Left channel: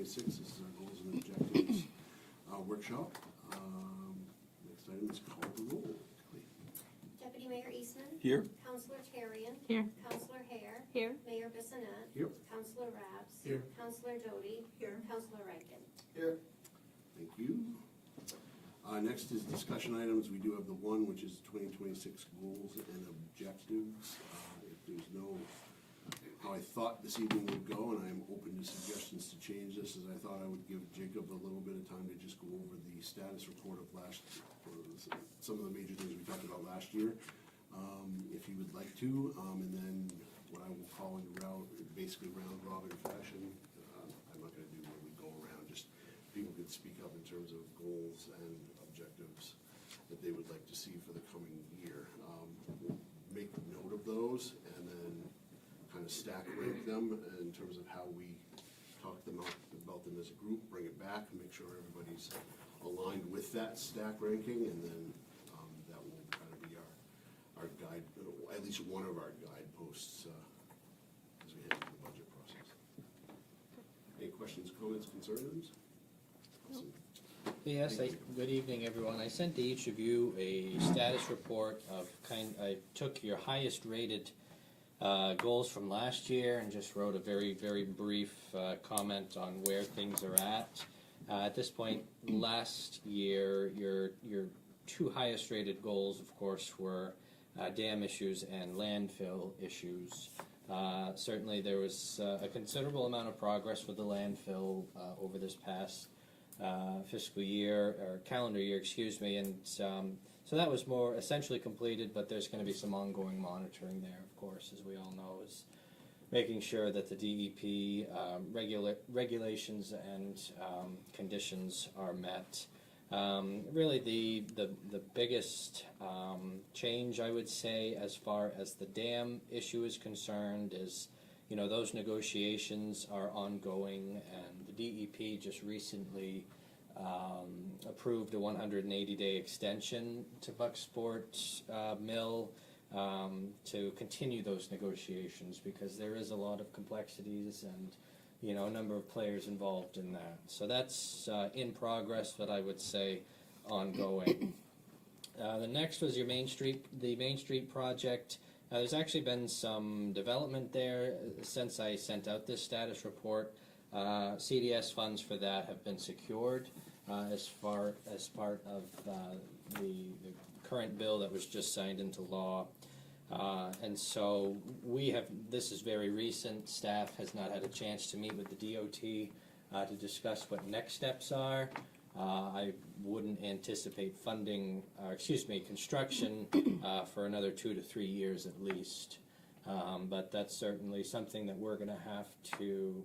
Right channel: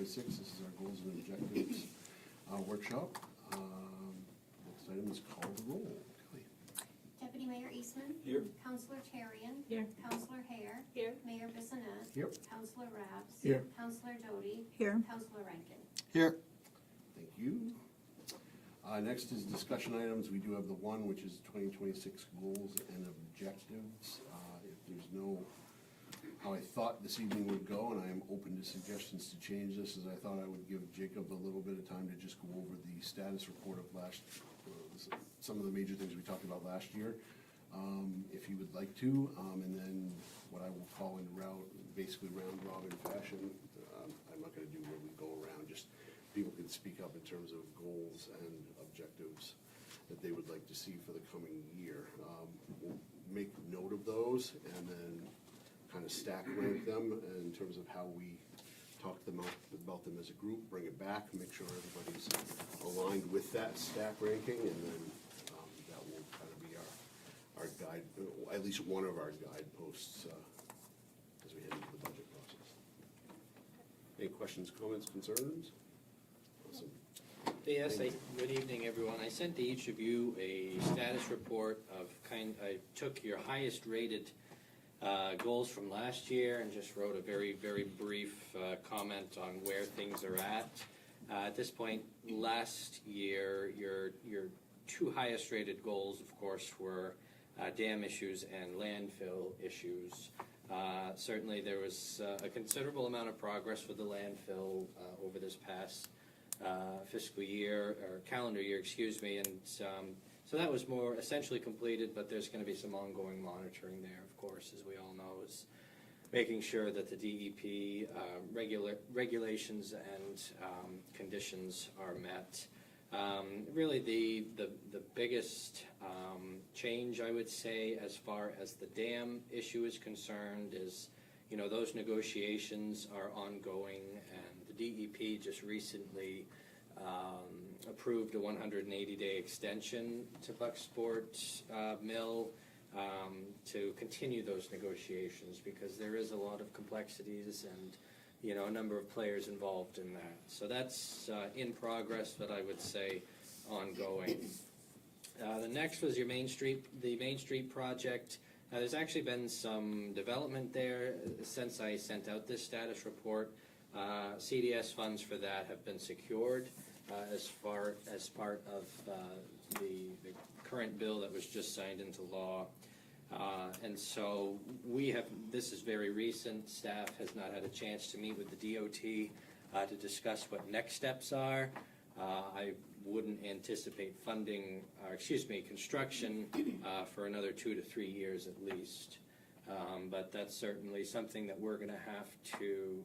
2026. This is our goals and objectives workshop. Next item is call the roll. Kelly. Deputy Mayor Eastman. Here. Councillor Tarian. Here. Councillor Hare. Here. Mayor Bissonnette. Here. Councillor Rabs. Here. Councillor Doty. Here. Councillor Rankin. Here. Thank you. Next is discussion items. We do have the one, which is 2026 goals and objectives. If there's no, how I thought this evening would go, and I am open to suggestions to change this, is I thought I would give Jacob a little bit of time to just go over the status report of some of the major things we talked about last year, if he would like to, and then what I will call in basically round robin fashion. I'm not going to do where we go around, just people can speak up in terms of goals and objectives that they would like to see for the coming year. We'll make note of those and then kind of stack rank them in terms of how we talk about them as a group, bring it back, make sure everybody's aligned with that stack ranking, and then that will kind of be our guide, at least one of our guideposts as we head into the budget process. Any questions, comments, concerns? Awesome. Yes, good evening, everyone. I sent to each of you a status report of I took your highest rated goals from last year and just wrote a very, very brief comment on where things are at. At this point, last year, your two highest rated goals, of course, were dam issues and landfill issues. Certainly there was a considerable amount of progress with the landfill over this past fiscal year, or calendar year, excuse me, and so that was more essentially completed, but there's going to be some ongoing monitoring there, of course, as we all know, is making sure that the DEP regulations and conditions are met. Really the biggest change, I would say, as far as the dam issue is concerned is, those negotiations are ongoing, and the DEP just recently approved a 180-day extension to Bucksport Mill to continue those negotiations, because there is a lot of complexities and a number of players involved in that. So that's in progress, but I would say ongoing. The next was the Main Street project. There's actually been some development there since I sent out this status report. CDS funds for that have been secured as part of the current bill that was just signed into law. And so this is very recent. Staff has not had a chance to meet with the DOT to discuss what next steps are. I wouldn't anticipate construction for another 2 to 3 years at least. But that's certainly something that we're going to have to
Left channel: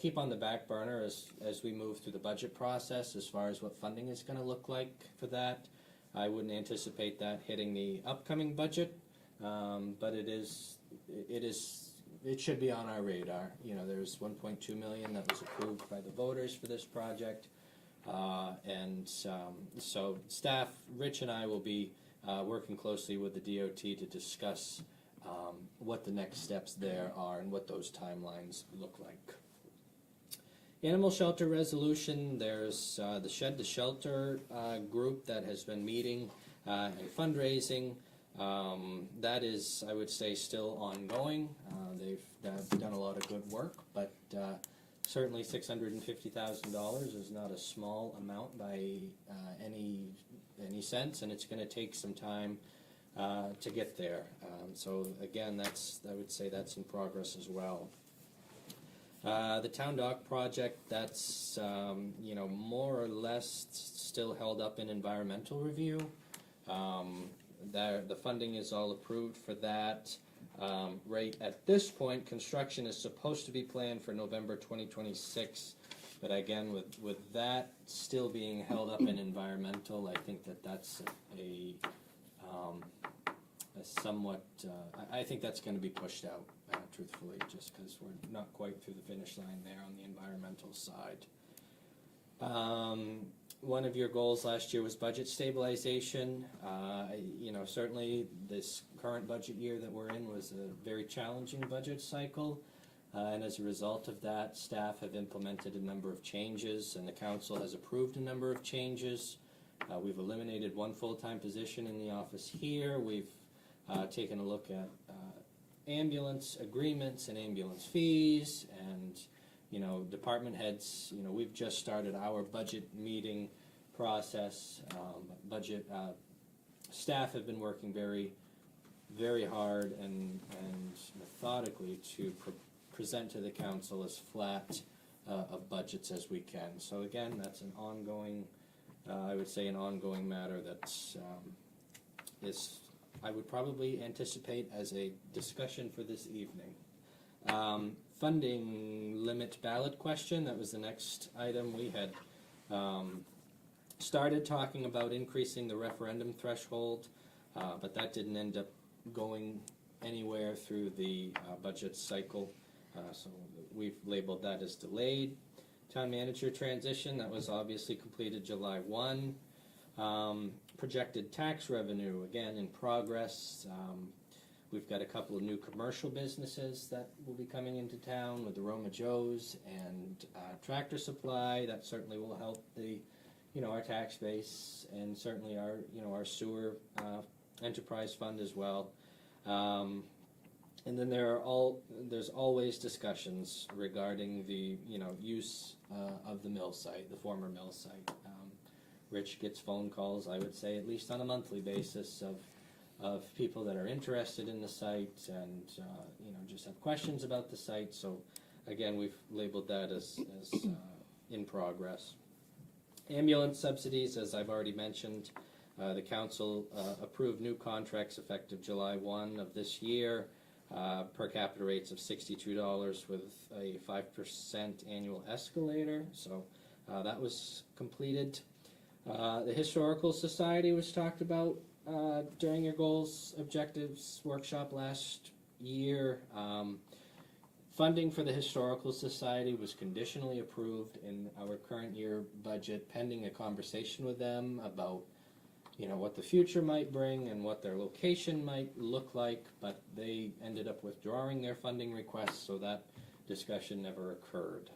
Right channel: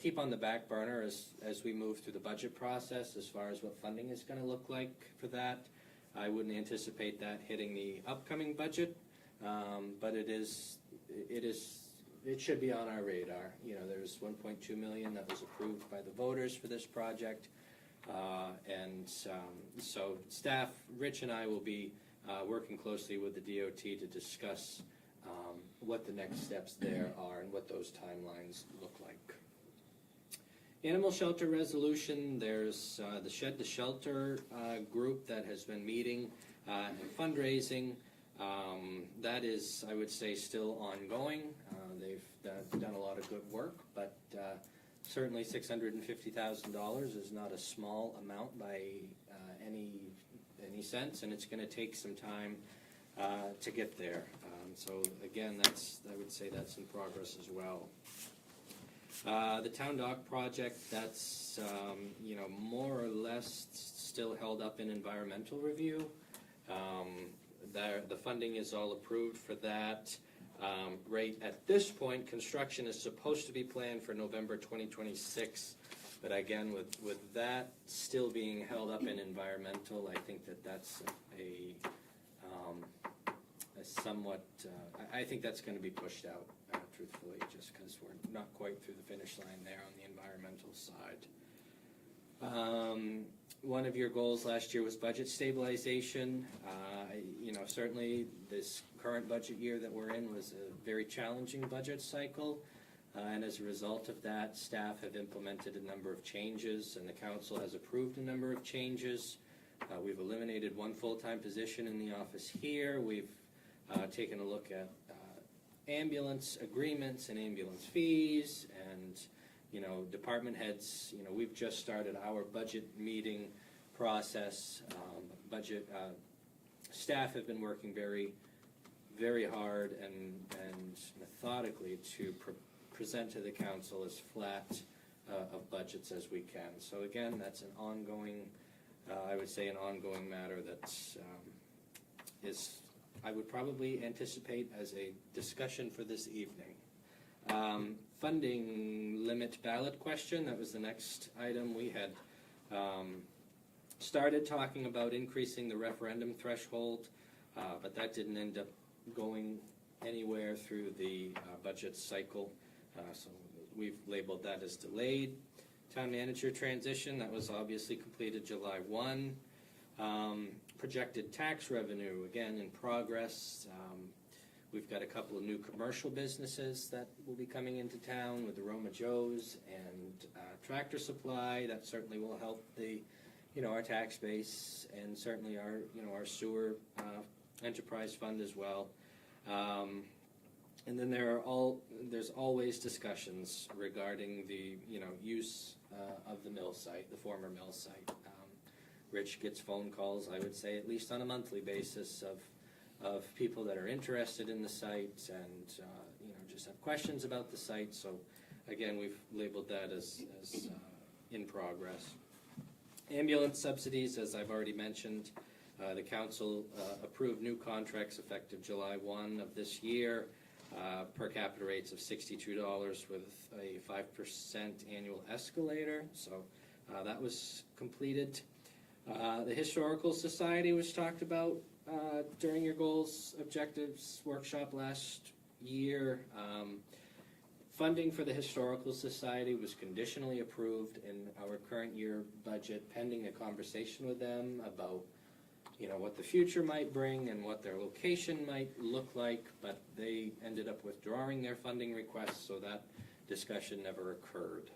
keep on the back burner as we move through the budget process as far as what funding is going to look like for that. I wouldn't anticipate that hitting the upcoming budget, but it should be on our radar. There's $1.2 million that was approved by the voters for this project, and so staff, Rich and I will be working closely with the DOT to discuss what the next steps there are and what those timelines look like. Animal shelter resolution, there's the Shed to Shelter group that has been meeting and fundraising. That is, I would say, still ongoing. They've done a lot of good work, but certainly $650,000 is not a small amount by any sense, and it's going to take some time to get there. So again, I would say that's in progress as well. The Town Dock project, that's more or less still held up in environmental review. The funding is all approved for that. Right at this point, construction is supposed to be planned for November 2026, but again, with that still being held up in environmental, I think that's a somewhat, I think that's going to be pushed out, truthfully, just because we're not quite through the finish line there on the environmental side. One of your goals last year was budget stabilization. Certainly this current budget year that we're in was a very challenging budget cycle. And as a result of that, staff have implemented a number of changes, and the council has approved a number of changes. We've eliminated one full-time position in the office here. We've taken a look at ambulance agreements and ambulance fees, and department heads. We've just started our budget meeting process. Budget staff have been working very, very hard and methodically to present to the council as flat of budgets as we can. So again, that's an ongoing, I would say, an ongoing matter that's I would probably anticipate as a discussion for this evening. Funding limit ballot question, that was the next item. We had started talking about increasing the referendum threshold, but that didn't end up going anywhere through the budget cycle, so we've labeled that as delayed. Town manager transition, that was obviously completed July 1. Projected tax revenue, again in progress. We've got a couple of new commercial businesses that will be coming into town with the Roma Joe's and Tractor Supply. That certainly will help the, our tax base, and certainly our sewer enterprise fund as well. And then there's always discussions regarding the use of the mill site, the former mill site. Rich gets phone calls, I would say, at least on a monthly basis of people that are interested in the site and just have questions about the site. So again, we've labeled that as in progress. Ambulance subsidies, as I've already mentioned, the council approved new contracts effective July 1 of this year, per capita rates of $62 with a 5% annual escalator. So that was completed. The Historical Society was talked about during your goals objectives workshop last year. Funding for the Historical Society was conditionally approved in our current year budget, pending a conversation with them about what the future might bring and what their location might look like, but they ended up withdrawing their funding request, so that discussion never occurred.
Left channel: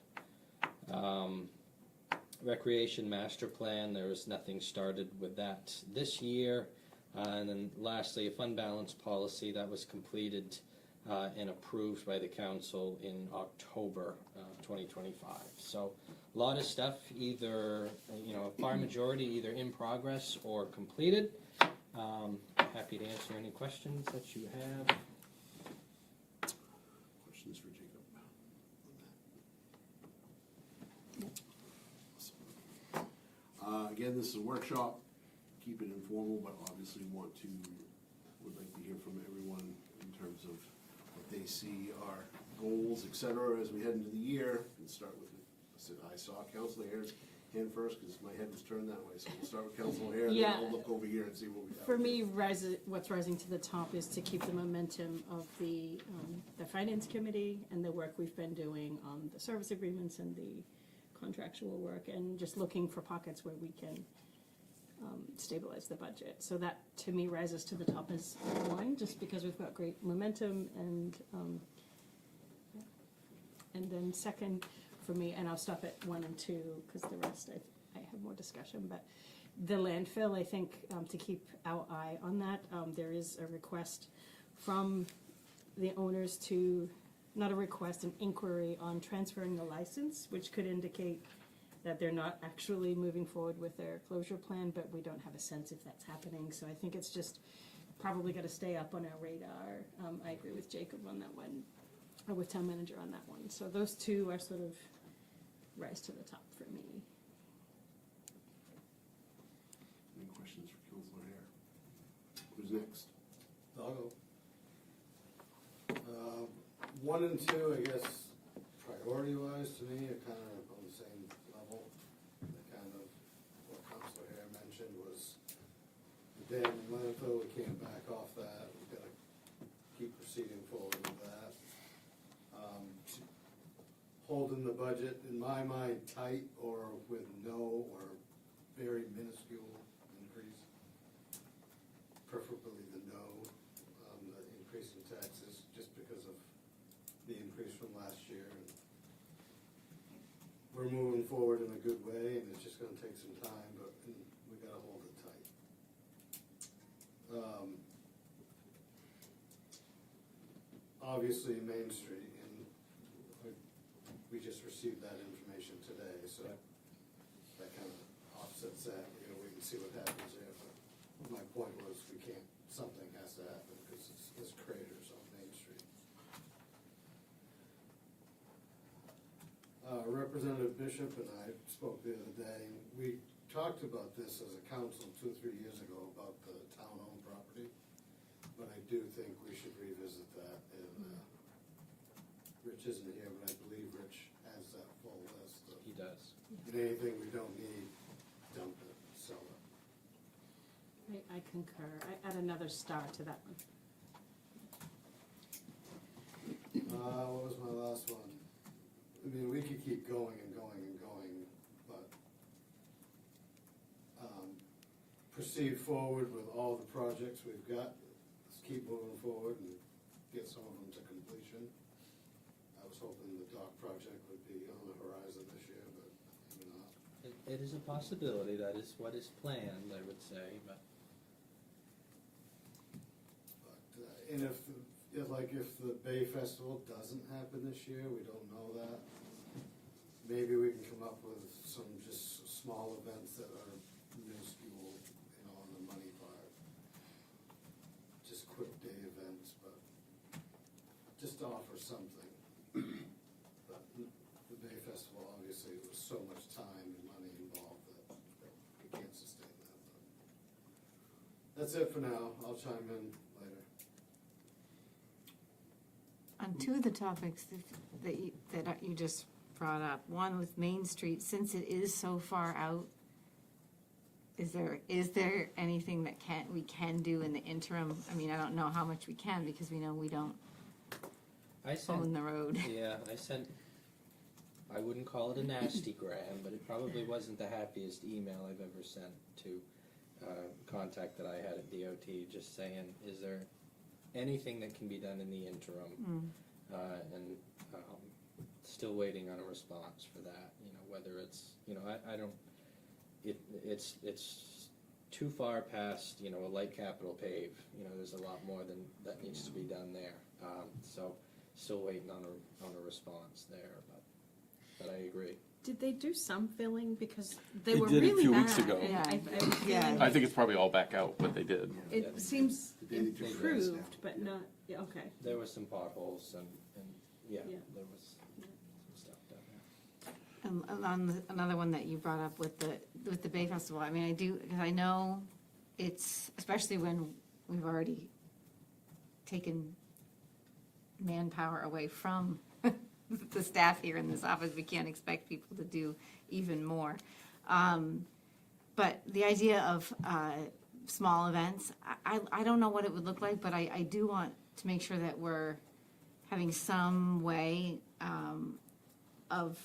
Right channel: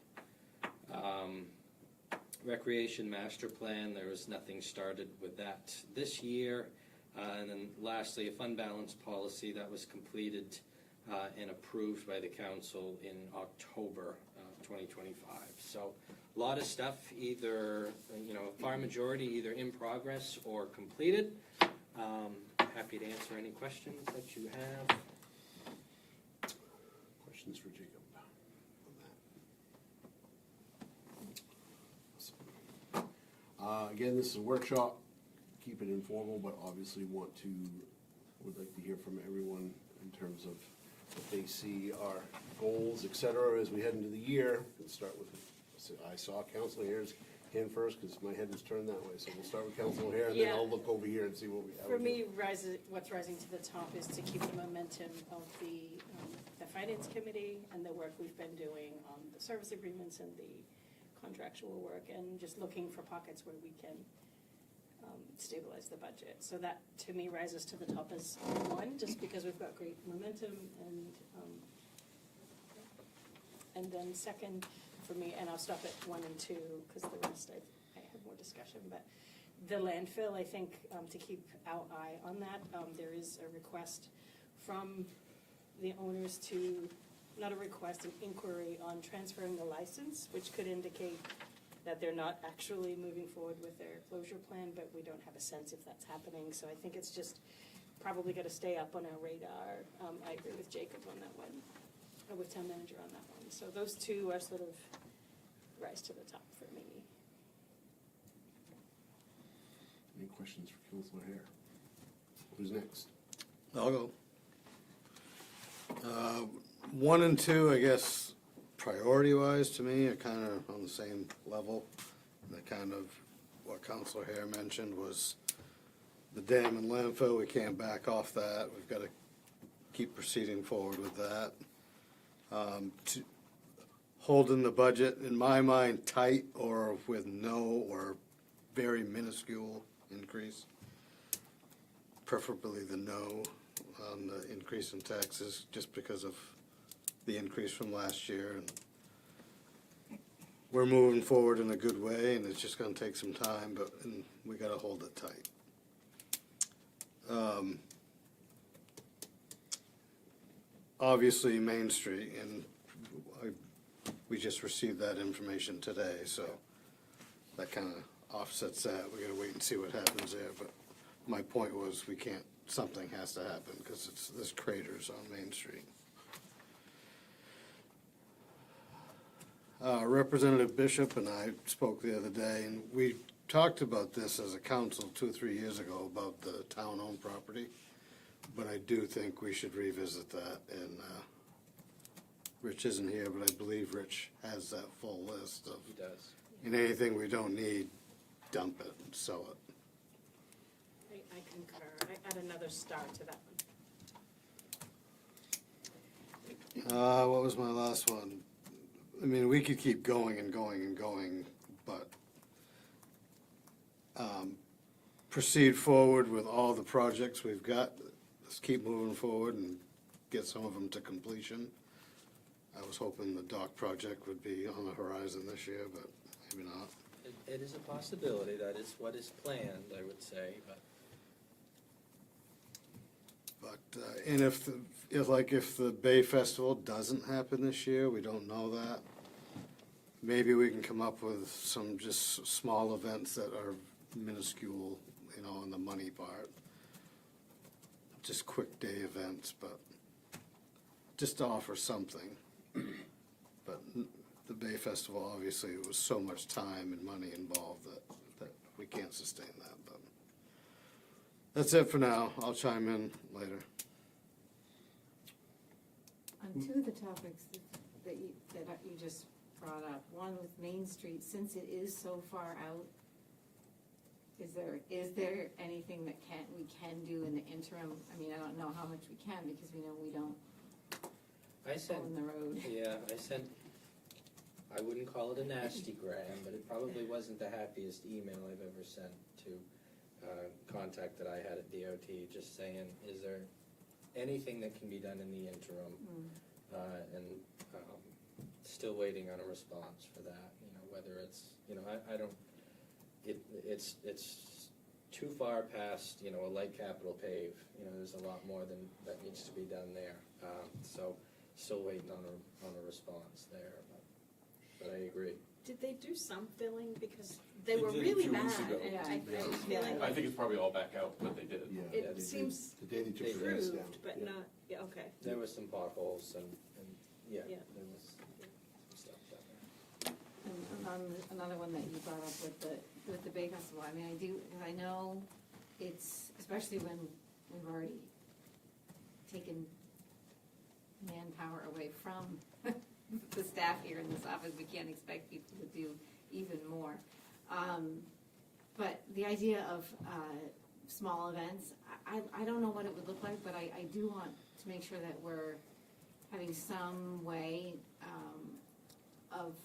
Recreation Master Plan, there was nothing started with that this year. And then lastly, a fund balance policy that was completed and approved by the council in October 2025. So a lot of stuff, either, a far majority either in progress or completed. Happy to answer any questions that you have. Questions for Jacob on that? Again, this is a workshop. Keep it informal, but obviously would like to hear from everyone in terms of what they see our goals, etc. as we head into the year. Let's start with, I saw Councilor Hare's hand first because my head was turned that way. So we'll start with Councilor Hare, and then I'll look over here and see what we have. For me, what's rising to the top is to keep the momentum of the Finance Committee and the work we've been doing on the service agreements and the contractual work, and just looking for pockets where we can stabilize the budget. So that, to me, rises to the top as one, just because we've got great momentum, and then second for me, and I'll stop at 1 and 2 because the rest I have more discussion, but the landfill, I think, to keep our eye on that, there is a request from the owners to, not a request, an inquiry on transferring the license, which could indicate that they're not actually moving forward with their closure plan, but we don't have a sense if that's happening. So I think it's just probably got to stay up on our radar. I agree with Jacob on that one, or with town manager on that one. So those two are sort of rise to the top for me. Any questions for Councilor Hare? Who's next? I'll go. 1 and 2, I guess, priority-wise to me, are kind of on the same level. The kind of what Councilor Hare mentioned was the dam and landfill. We can't back off that. We've got to keep proceeding forward with that. Holding the budget, in my mind, tight or with no or very minuscule increase. Preferably the no on the increase in taxes, just because of the increase from last year. And we're moving forward in a good way, and it's just gonna take some time, but and we gotta hold it tight. Obviously, Main Street, and we just received that information today, so that kinda offsets that. We gotta wait and see what happens there, but my point was, we can't, something has to happen, because there's craters on Main Street. Representative Bishop and I spoke the other day, and we talked about this as a council 2 or 3 years ago about the town-owned property, but I do think we should revisit that, and Rich isn't here, but I believe Rich has that full list of, He does. and anything we don't need, dump it, sell it. I concur. I add another star to that one. What was my last one? I mean, we could keep going and going and going, but proceed forward with all the projects we've got. Let's keep moving forward and get some of them to completion. I was hoping the dock project would be on the horizon this year, but maybe not. It is a possibility, that is what is planned, I would say, but But, and if the Bay Festival doesn't happen this year, we don't know that, maybe we can come up with some just small events that are minuscule, you know, on the money part. Just quick day events, but just to offer something. But the Bay Festival, obviously, it was so much time and money involved that we can't sustain that, but that's it for now. I'll chime in later. On two of the topics that you just brought up, one with Main Street, since it is so far out, is there anything that we can do in the interim? I mean, I don't know how much we can, because we know we don't I sent, own the road. yeah, I wouldn't call it a nasty gram, but it probably wasn't the happiest email I've ever sent to contact that I had at DOT, just saying, is there anything that can be done in the interim? And still waiting on a response for that, you know, whether it's, you know, I don't, it's too far past, you know, a light capital pave, you know, there's a lot more that needs to be done there. So still waiting on a response there, but I agree. Did they do some filling? Because they They were did a really few bad. weeks ago. And Yeah. I I think it's probably all back out, but they did. Yeah. it seems The day that you put it down, improved, but yeah. not, yeah, okay. There was some potholes and yeah, Yeah. there was some stuff down there. On another one that you brought up with the Bay Festival, I mean, I do, because I know it's, especially when we've already taken manpower away from the staff here in this office, we can't expect people to do even more. But the idea of small events, I don't know what it would look like, but I do want to make sure that we're having some way of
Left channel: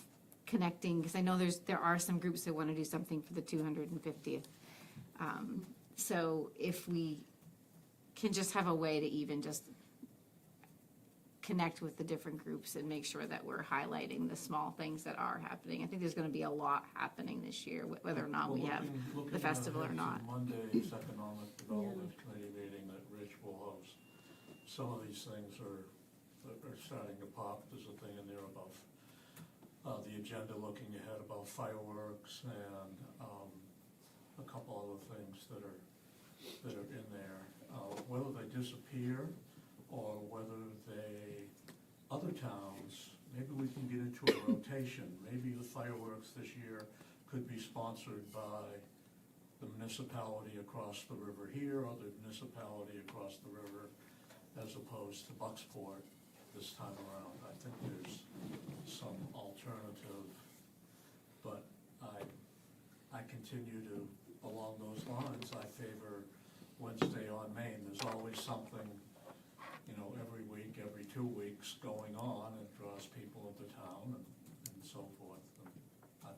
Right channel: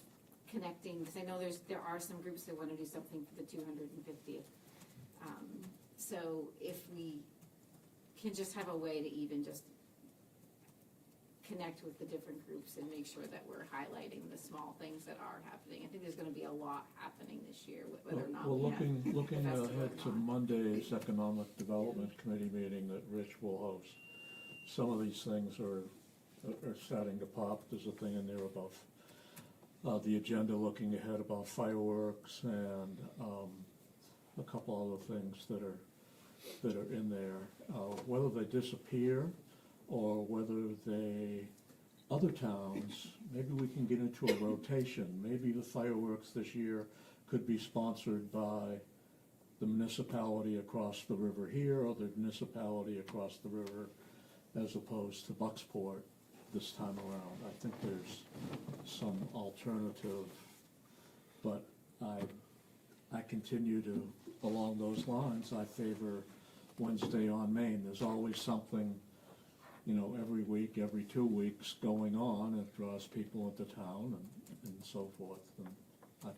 connecting, because I know there are some groups that want to do something for the 250th. So if we can just have a way to even just connect with the different groups and make sure that we're highlighting the small things that are happening. I think there's gonna be a lot happening this year, whether or not we have the festival or Looking not. ahead to Monday's Economic Development Committee meeting that Rich will host, some of these things are starting to pop. There's a thing in there about the agenda looking ahead about fireworks and a couple other things that are in there. Whether they disappear or whether other towns, maybe we can get into a rotation. Maybe the fireworks this year could be sponsored by the municipality across the river here or the municipality across the river as opposed to Bucksport this time around. I think there's some alternative, but I continue to, along those lines, I favor Wednesday on Main. There's always something, you know, every week, every 2 weeks going on. It draws people into town and so forth. And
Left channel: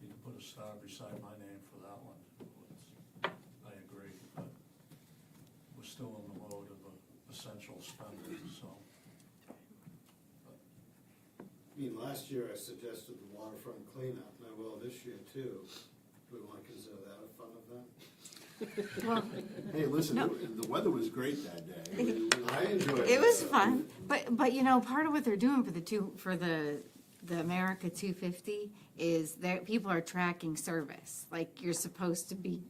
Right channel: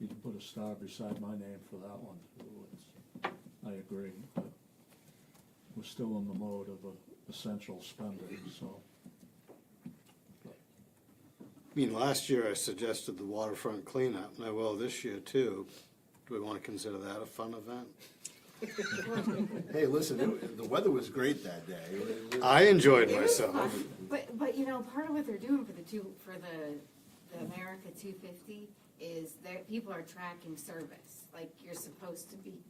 you can put a star beside my name for that one too. I agree, but we're still in the mode of essential spending, so. I mean, last year I suggested the waterfront cleanup, and I will this year too. Do we wanna consider that a fun event? Hey, listen, the weather was great that day. I enjoyed It was myself. fun, but you know, part of what they're doing for the America 250 is that people are tracking service. Like, you're supposed to be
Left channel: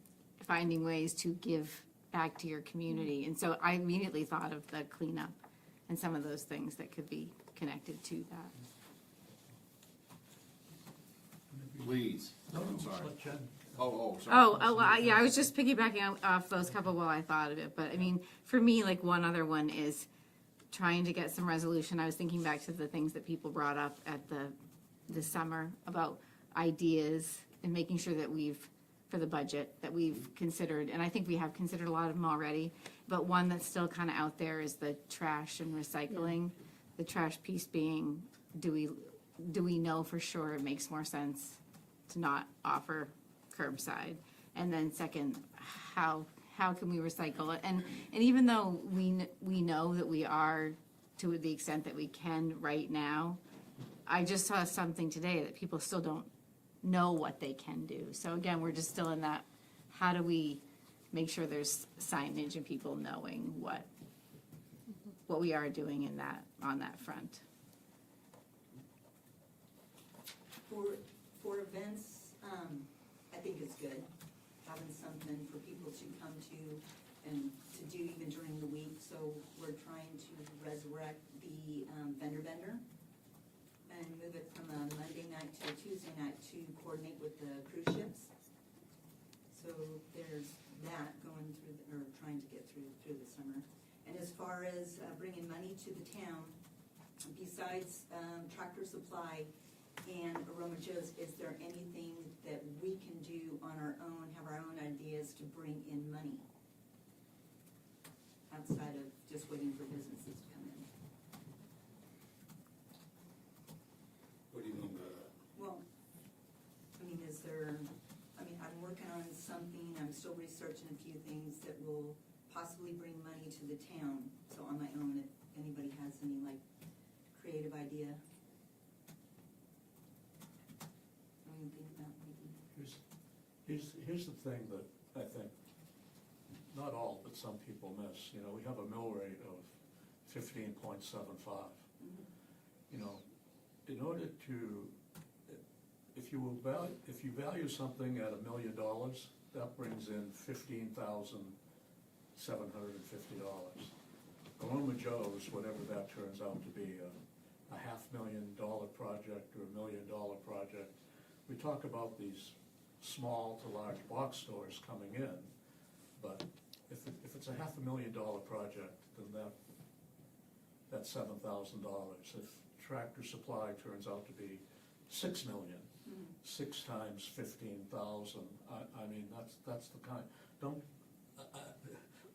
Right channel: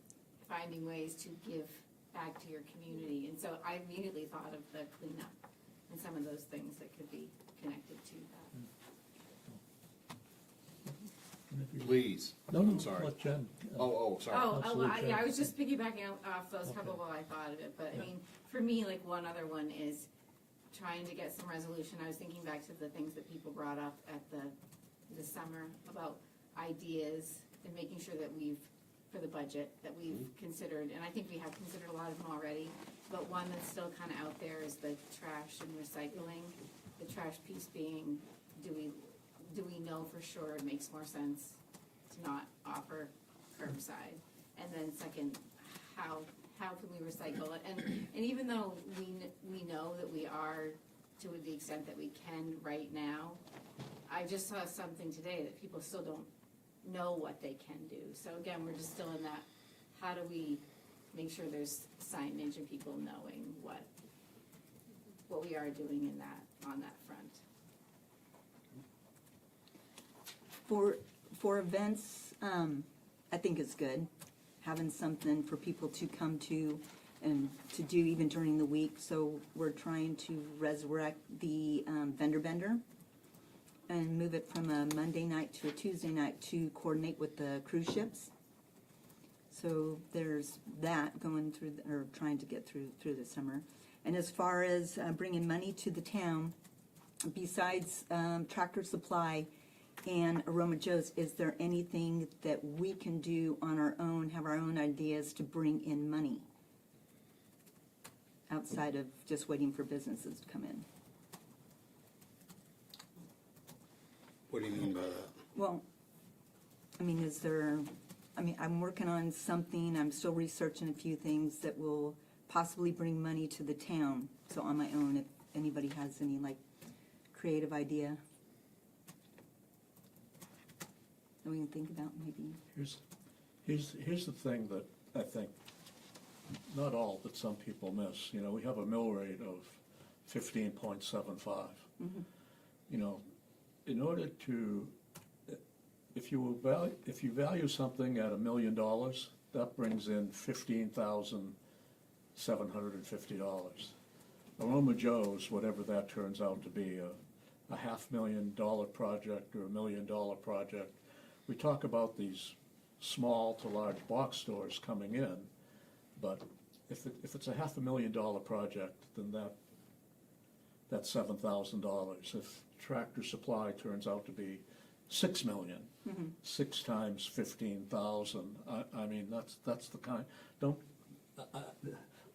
finding ways to give back to your community. And so I immediately thought of the cleanup and some of those things that could be connected to that. Please, No, I'm no, sorry. let Jen. Sorry. Yeah, I was just piggybacking off those couple while I thought of it, but I mean, for me, like, one other one is trying to get some resolution. I was thinking back to the things that people brought up at this summer about ideas and making sure that for the budget, that we've considered, and I think we have considered a lot of them already, but one that's still kind of out there is the trash and recycling. The trash piece being, do we know for sure it makes more sense to not offer curbside? And then second, how can we recycle it? And even though we know that we are, to the extent that we can right now, I just saw something today that people still don't know what they can do. So again, we're just still in that, how do we make sure there's signage and people knowing what we are doing on that front? For events, I think it's good, having something for people to come to and to do even during the week. So we're trying to resurrect the vendor bender and move it from a Monday night to a Tuesday night to coordinate with the cruise ships. So there's that going through, or trying to get through the summer. And as far as bringing money to the town, besides Tractor Supply and Aroma Joe's, is there anything that we can do on our own, have our own ideas to bring in money? Outside of just waiting for businesses to come in? What do you mean by that? Well, I mean, I'm working on something, I'm still researching a few things that will possibly bring money to the town. So on my own, if anybody has any, like, creative idea that we can think about, maybe. Here's the thing that I think, not all, but some people miss. You know, we have a mill rate of 15.75. You know, in order to, if you value something at $1 million, that brings in $15,750. Aroma Joe's, whatever that turns out to be, a $500,000 project or $1 million project. We talk about these small to large box stores coming in, but if it's a $500,000 project, then that's $7,000. If Tractor Supply turns out to be $6 million, 6 times 15,000. I mean, that's the kind.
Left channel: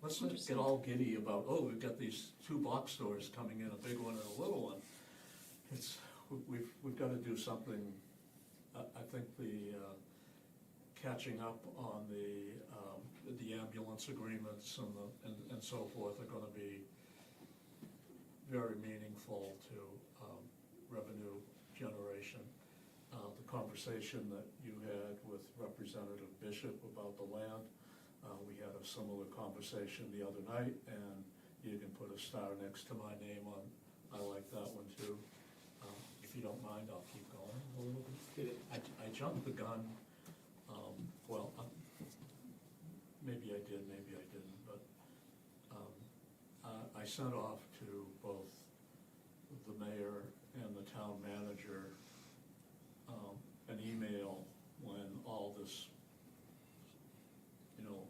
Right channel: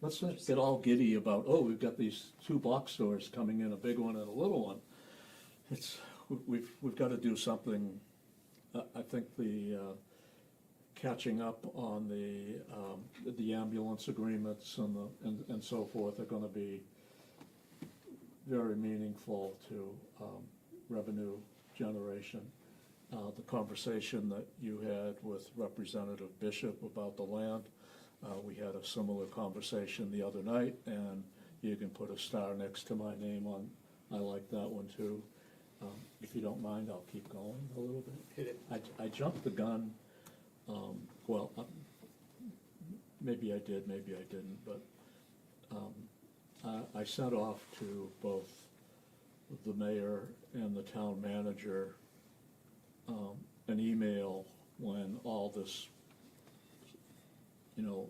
Let's not get all giddy about, oh, we've got these 2 box stores coming in, a big one and a little one. We've got to do something. I think the catching up on the ambulance agreements and so forth are going to be very meaningful to revenue generation. The conversation that you had with Representative Bishop about the land, we had a similar conversation the other night, and you can put a star next to my name on. I like that one too. If you don't mind, I'll keep going a little bit. I jumped the gun. Maybe I did, maybe I didn't, but I sent off to both the mayor and the town manager an email when all this,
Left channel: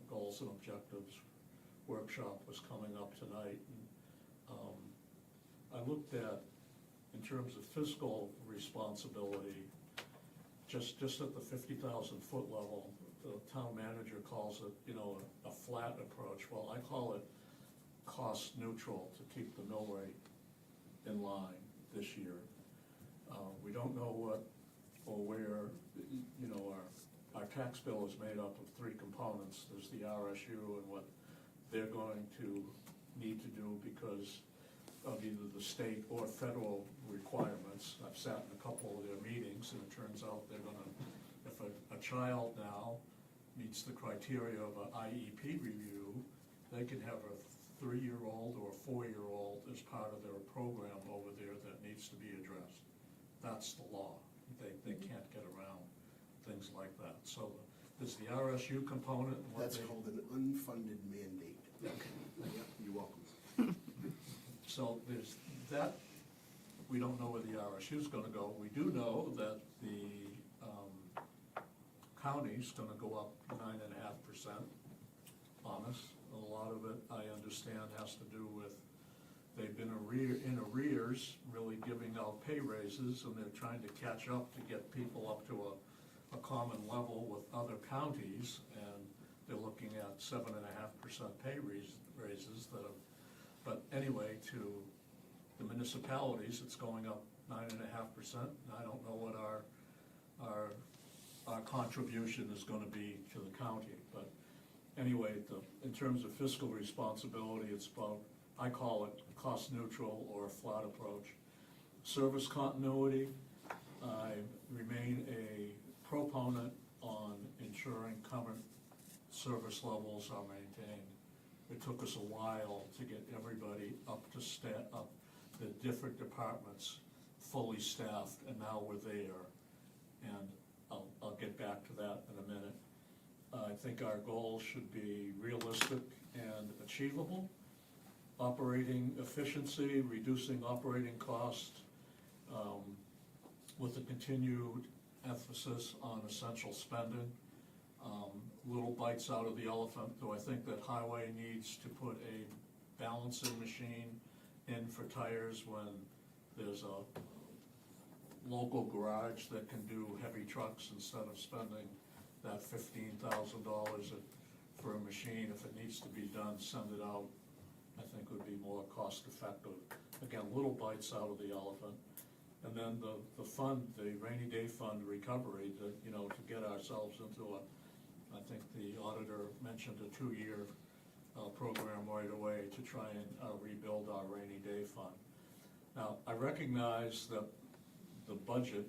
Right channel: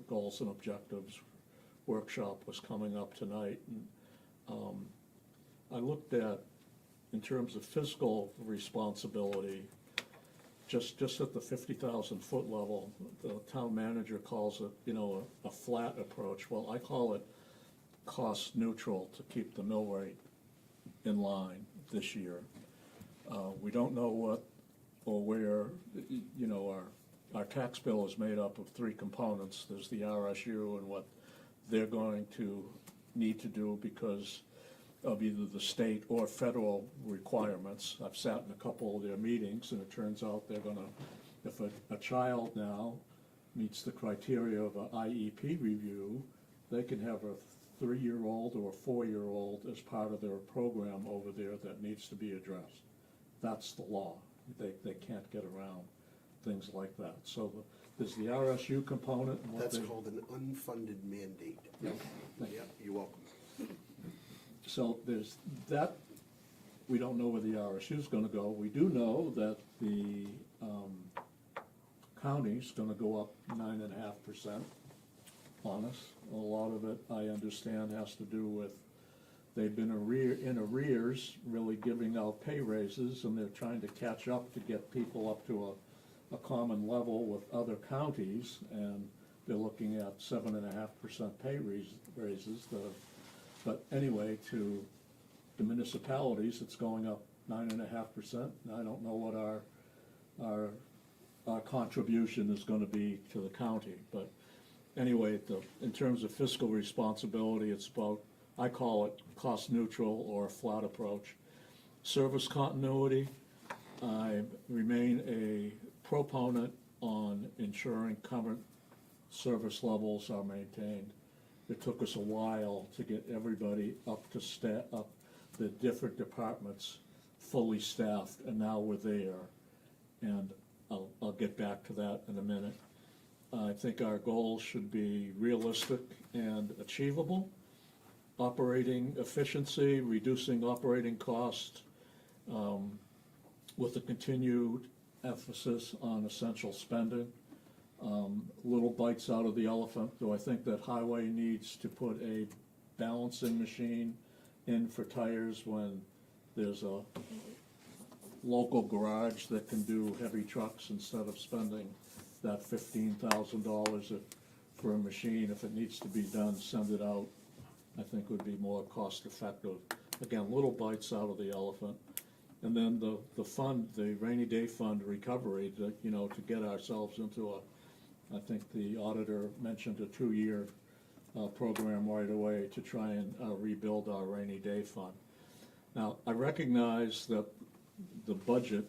goals and objectives workshop was coming up tonight. And I looked at, in terms of fiscal responsibility, just at the 50,000 foot level, the town manager calls it, a flat approach. Well, I call it cost neutral to keep the mill rate in line this year. We don't know what or where, our tax bill is made up of 3 components. There's the RSU and what they're going to need to do because of either the state or federal requirements. I've sat in a couple of their meetings, and it turns out they're gonna, if a child now meets the criteria of a IEP review, they can have a 3-year-old or a 4-year-old as part of their program over there that needs to be addressed. That's the law. They can't get around things like that. So there's the RSU component. And what That's they- called an unfunded mandate. Yeah. Yeah, you're welcome. So there's that, we don't know where the RSU's gonna go. We do know that the county's gonna go up 9.5% on us. A lot of it, I understand, has to do with, they've been in arrears, really giving out pay raises, and they're trying to catch up to get people up to a common level with other counties, and they're looking at 7.5% pay raises. But anyway, to the municipalities, it's going up 9.5%. I don't know what our contribution is gonna be to the county, but anyway, in terms of fiscal responsibility, it's about, I call it cost neutral or a flat approach. Service continuity, I remain a proponent on ensuring current service levels are maintained. It took us a while to get everybody up the different departments fully staffed, and now we're there. And I'll get back to that in a minute. I think our goals should be realistic and achievable. Operating efficiency, reducing operating costs, with a continued emphasis on essential spending. Little bites out of the elephant, though I think that highway needs to put a balancing machine in for tires when there's a local garage that can do heavy trucks instead of spending that $15,000 for a machine. If it needs to be done, send it out. I think would be more cost effective. Again, little bites out of the elephant. And then the fund, the rainy day fund recovery, to get ourselves into I think the auditor mentioned a 2-year program right away to try and rebuild our rainy day fund. Now, I recognize that the budget,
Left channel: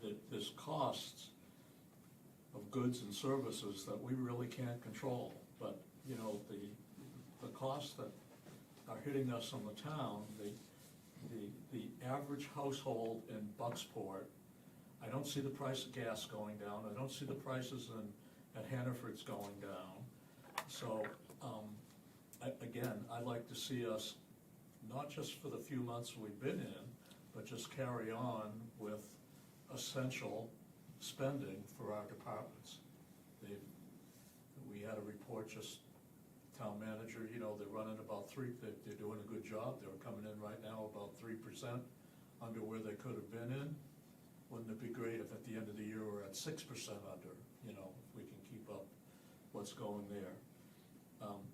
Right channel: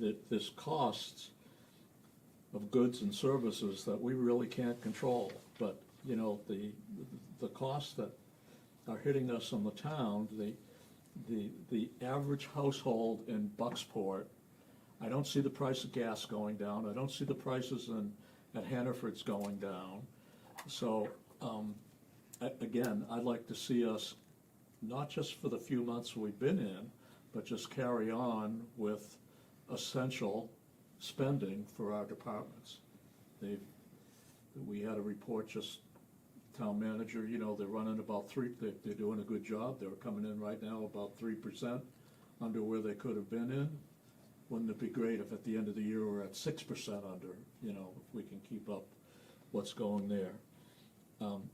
that there's costs of goods and services that we really can't control, but, the costs that are hitting us in the town, the average household in Bucksport, I don't see the price of gas going down, I don't see the prices at Hannaford's going down. So, again, I'd like to see us, not just for the few months we've been in, but just carry on with essential spending for our departments. We had a report just, town manager, they're running about they're doing a good job, they're coming in right now about 3% under where they could have been in. Wouldn't it be great if at the end of the year we're at 6% under, if we can keep up what's going there.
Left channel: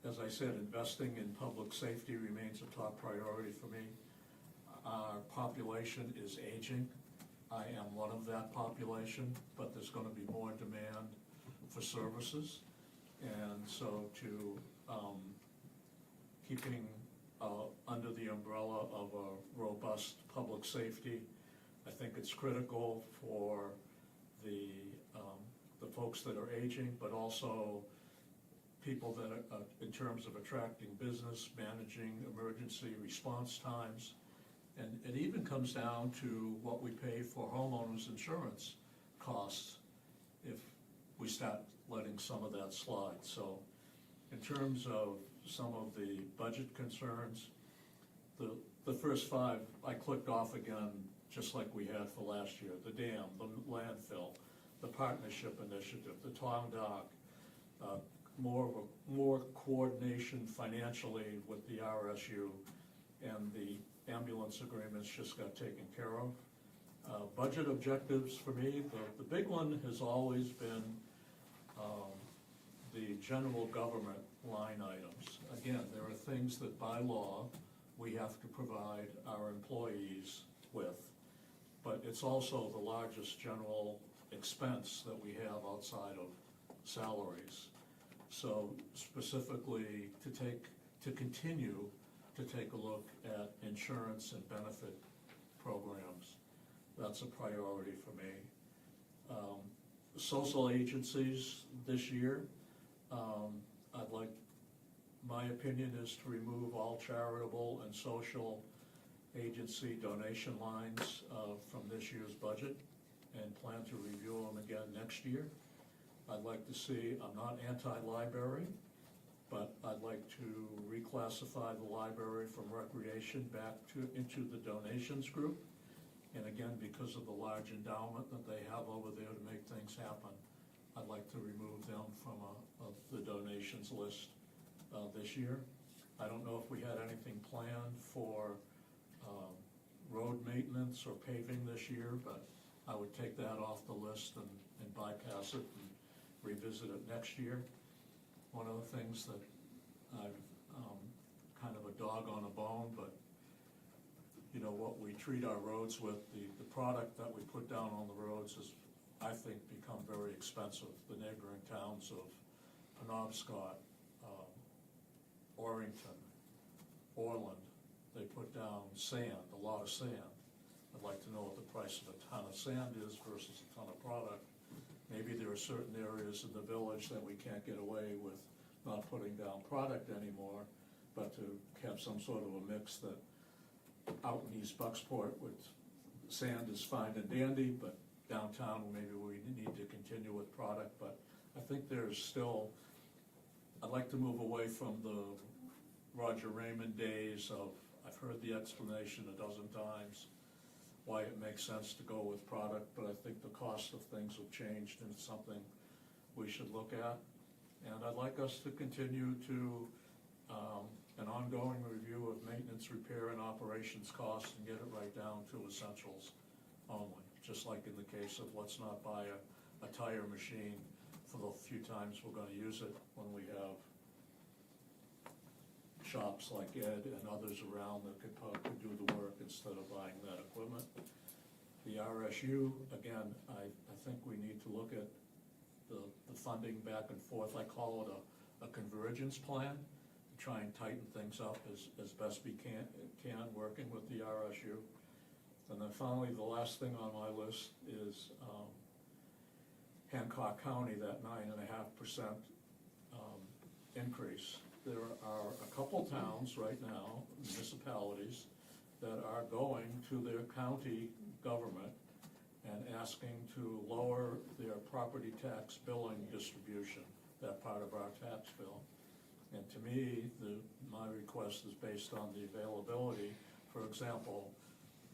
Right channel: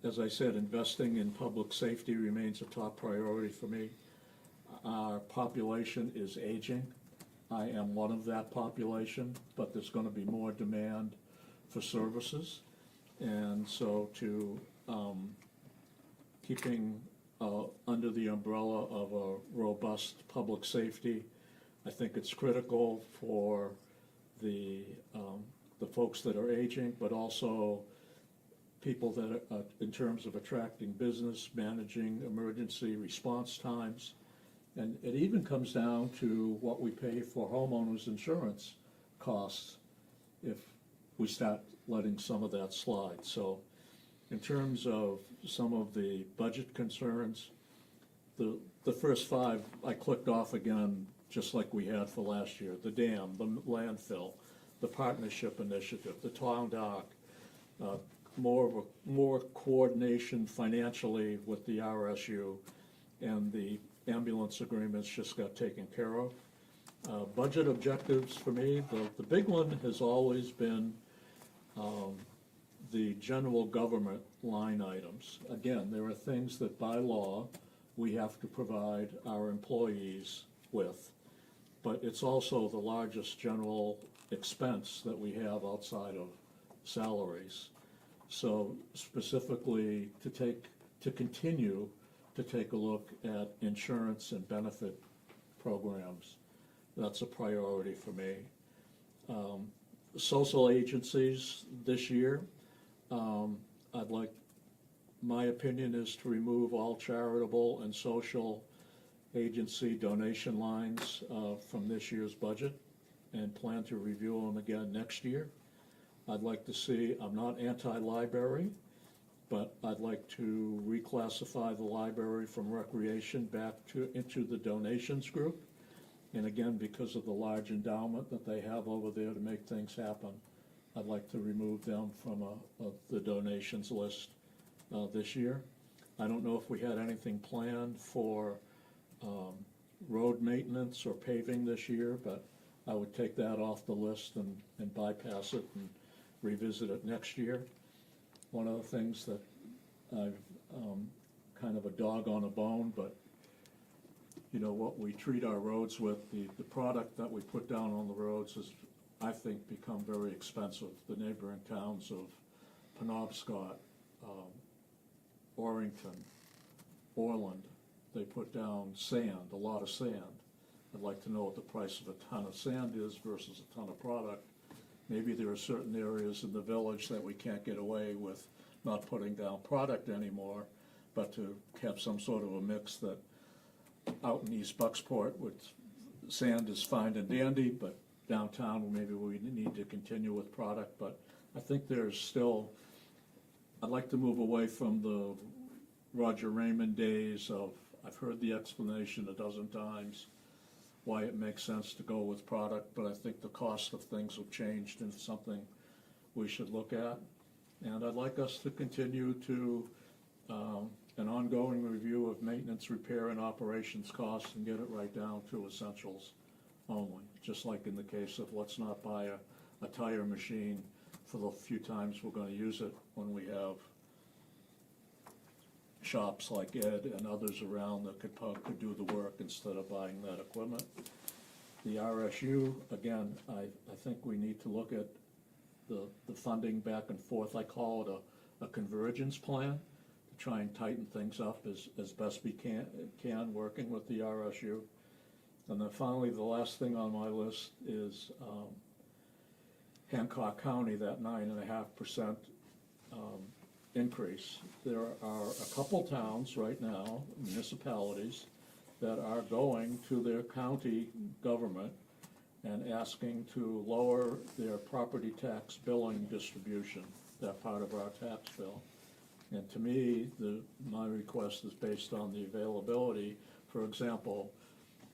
As I said, investing in public safety remains a top priority for me. Our population is aging. I am one of that population, but there's gonna be more demand for services. And so keeping under the umbrella of a robust public safety, I think it's critical for the folks that are aging, but also people that are, in terms of attracting business, managing emergency response times. And it even comes down to what we pay for homeowners insurance costs if we start letting some of that slide. So in terms of some of the budget concerns, the first 5 I clicked off again, just like we had for last year: the dam, the landfill, the partnership initiative, the town dock, more coordination financially with the RSU, and the ambulance agreements just got taken care of. Budget objectives for me, the big one has always been the general government line items. Again, there are things that by law we have to provide our employees with, but it's also the largest general expense that we have outside of salaries. So specifically to continue to take a look at insurance and benefit programs. That's a priority for me. Social agencies this year, I'd like, my opinion is to remove all charitable and social agency donation lines from this year's budget and plan to review them again next year. I'd like to see, I'm not anti-library, but I'd like to reclassify the library from recreation back into the donations group. And again, because of the large endowment that they have over there to make things happen, I'd like to remove them from the donations list this year. I don't know if we had anything planned for road maintenance or paving this year, but I would take that off the list and bypass it and revisit it next year. One of the things that I've kind of a dog on a bone, but you know, what we treat our roads with, the product that we put down on the roads has, I think, become very expensive. The neighboring towns of Penobscot, Orrington, Orland, they put down sand, a lot of sand. I'd like to know what the price of a ton of sand is versus a ton of product. Maybe there are certain areas in the village that we can't get away with not putting down product anymore, but to have some sort of a mix that out in East Bucksport with sand is fine and dandy, but downtown maybe we need to continue with product. But I think there's still, I'd like to move away from the Roger Raymond days of, I've heard the explanation a dozen times why it makes sense to go with product, but I think the cost of things have changed and it's something we should look at. And I'd like us to continue to an ongoing review of maintenance, repair, and operations costs and get it right down to essentials only, just like in the case of let's not buy a tire machine for the few times we're going to use it when we have shops like Ed and others around that could do the work instead of buying that equipment. The RSU, again, I think we need to look at the funding back and forth. I call it a convergence plan, to try and tighten things up as best we can working with the RSU. And then finally, the last thing on my list is Hancock County, that 9.5% increase. There are a couple towns right now, municipalities, that are going to their county government and asking to lower their property tax billing distribution, that part of our tax bill. And to me, my request is based on the availability. For example,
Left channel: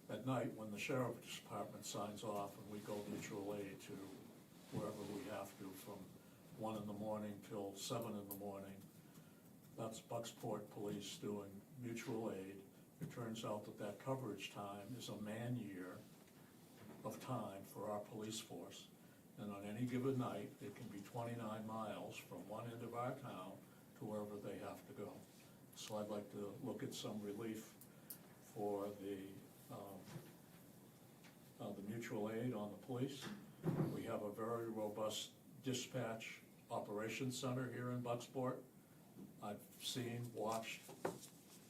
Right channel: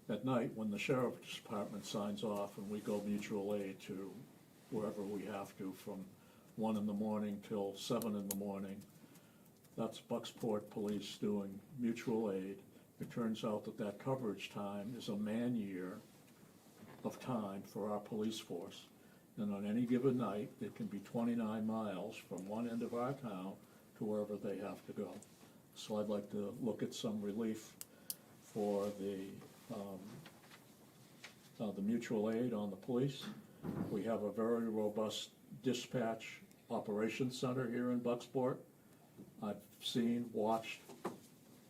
at night when the sheriff's department signs off and we go mutual aid to wherever we have to from 1 in the morning till 7 in the morning, that's Bucksport Police doing mutual aid. It turns out that coverage time is a man-year of time for our police force. And on any given night, it can be 29 miles from one end of our town to wherever they have to go. So I'd like to look at some relief for the mutual aid on the police. We have a very robust dispatch operations center here in Bucksport. I've seen, watched,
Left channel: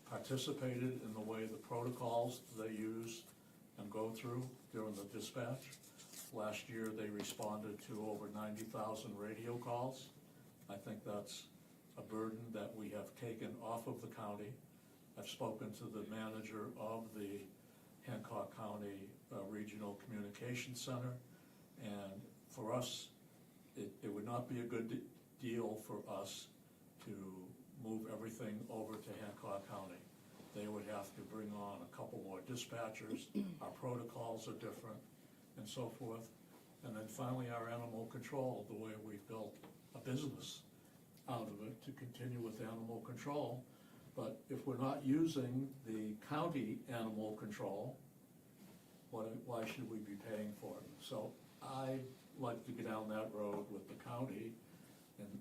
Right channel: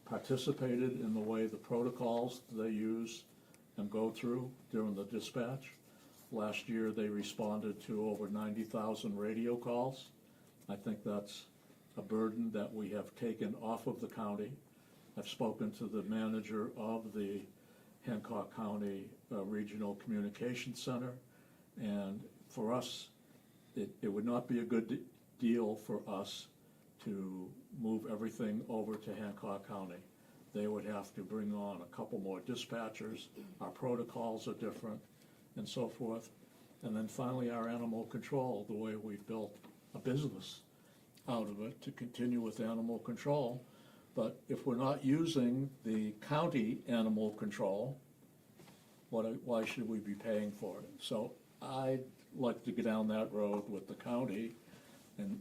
participated in the way the protocols they use and go through during the dispatch. Last year they responded to over 90,000 radio calls. I think that's a burden that we have taken off of the county. I've spoken to the manager of the Hancock County Regional Communications Center, and for us, it would not be a good deal for us to move everything over to Hancock County. They would have to bring on a couple more dispatchers, our protocols are different, and so forth. And then finally, our animal control, the way we've built a business out of it to continue with animal control. But if we're not using the county animal control, why should we be paying for it? So I'd like to get down that road with the county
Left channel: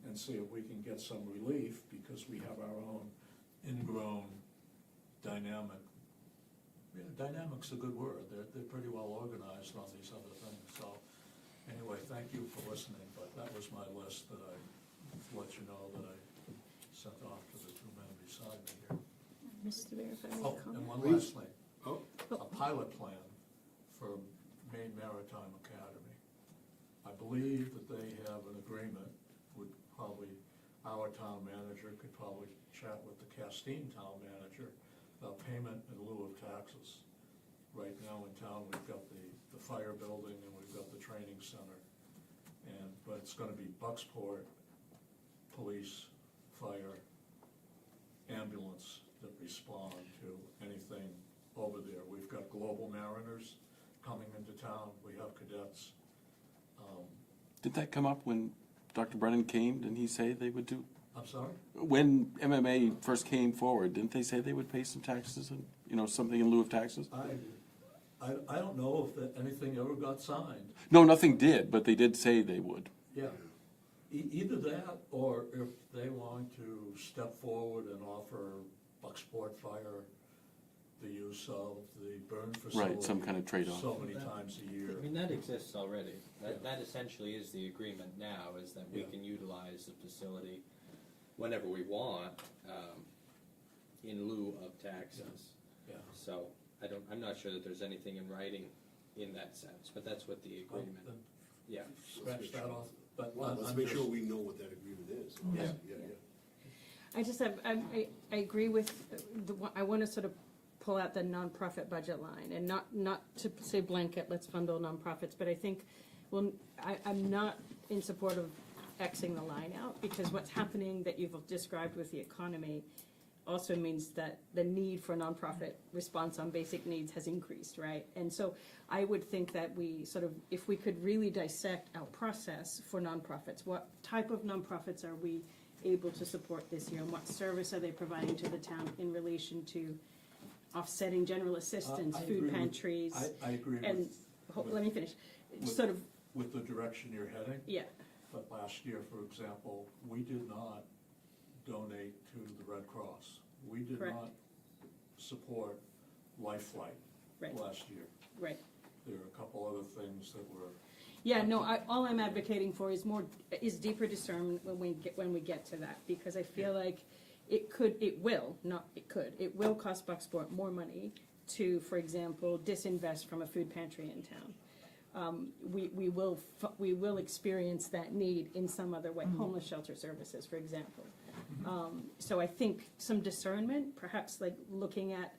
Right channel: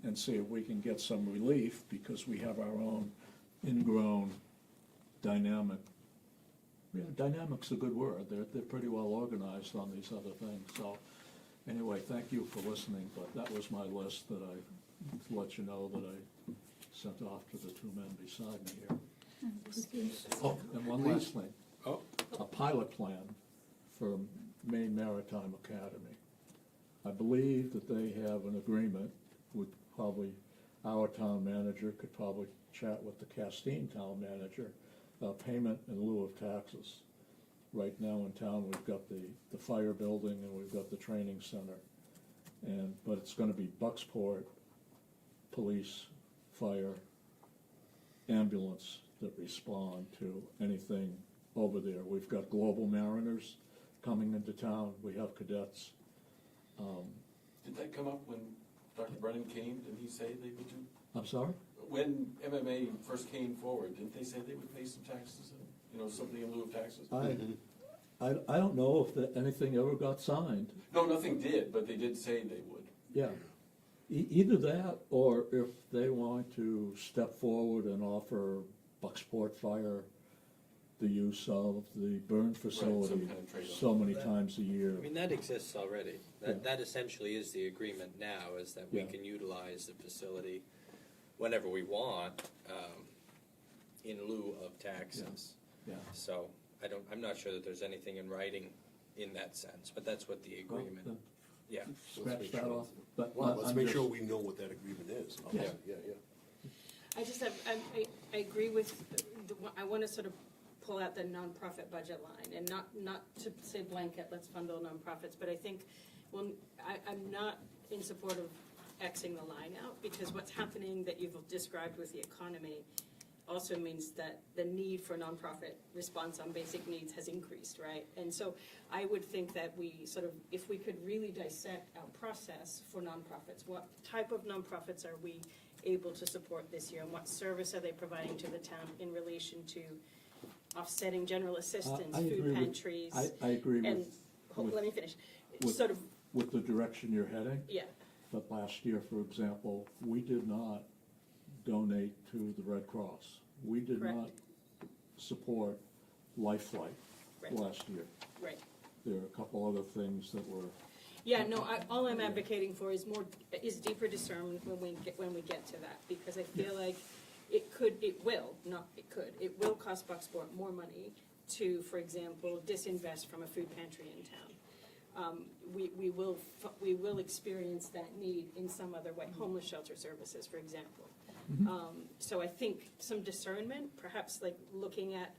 and see if we can get some relief, because we have our own ingrown dynamic. Yeah, dynamic's a good word. They're pretty well organized on these other things. So anyway, thank you for listening, but that was my list that I let you know that I sent off to the two men beside me here. Oh, and one Please. last thing, Oh, a pilot plan for Maine Maritime Academy. I believe that they have an agreement with probably, our town manager could probably chat with the Castine town manager, payment in lieu of taxes. Right now in town, we've got the fire building and we've got the training center. But it's gonna be Bucksport, police, fire, ambulance that respond to anything over there. We've got Global Mariners coming into town, we have cadets. Did that come up when Dr. Brennan came? Didn't he say they would do? I'm sorry? When MMA first came forward, didn't they say they would pay some taxes and, you know, something in lieu of taxes? I don't know if anything ever got signed. No, nothing did, but they did say they would. Yeah. Either that, or if they want to step forward and offer Bucksport Fire the use of the burn facility. Right, some kind of trade-off. So many times a year. I mean, that exists already. Yeah. That essentially is the agreement now, is that we Yeah. can utilize the facility whenever we want, in lieu of taxes. Yeah. So, I'm not sure that there's anything in writing in that sense, but that's what the Well, agreement, then yeah. Scratch that off. But well, let's I'm make just- sure we know what that agreement is. Yeah. Yeah. I just have, I agree with, I want to sort of pull out the nonprofit budget line, and not to say blanket, let's fund all nonprofits, but I think, well, I'm not in support of Xing the line out, because what's happening that you've described with the economy also means that the need for nonprofit response on basic needs has increased, right? And so I would think that we sort of, if we could really dissect our process for nonprofits, what type of nonprofits are we able to support this year, and what service are they providing to the town in relation to offsetting general assistance, I agree food with- pantries, I agree and, with- let me finish, with- sort of, with the direction you're heading. yeah, But last year, for example, we did not donate to the Red Cross. We did Correct. not support Life Flight Right. last year. right. There are a couple other things that were, Yeah, no, all I'm advocating for is deeper discernment when we get to that, because I feel like it will cost Bucksport more money to, for example, disinvest from a food pantry in town. We will experience that need in some other way, homeless shelter services, for example. So I think some discernment, perhaps like looking at,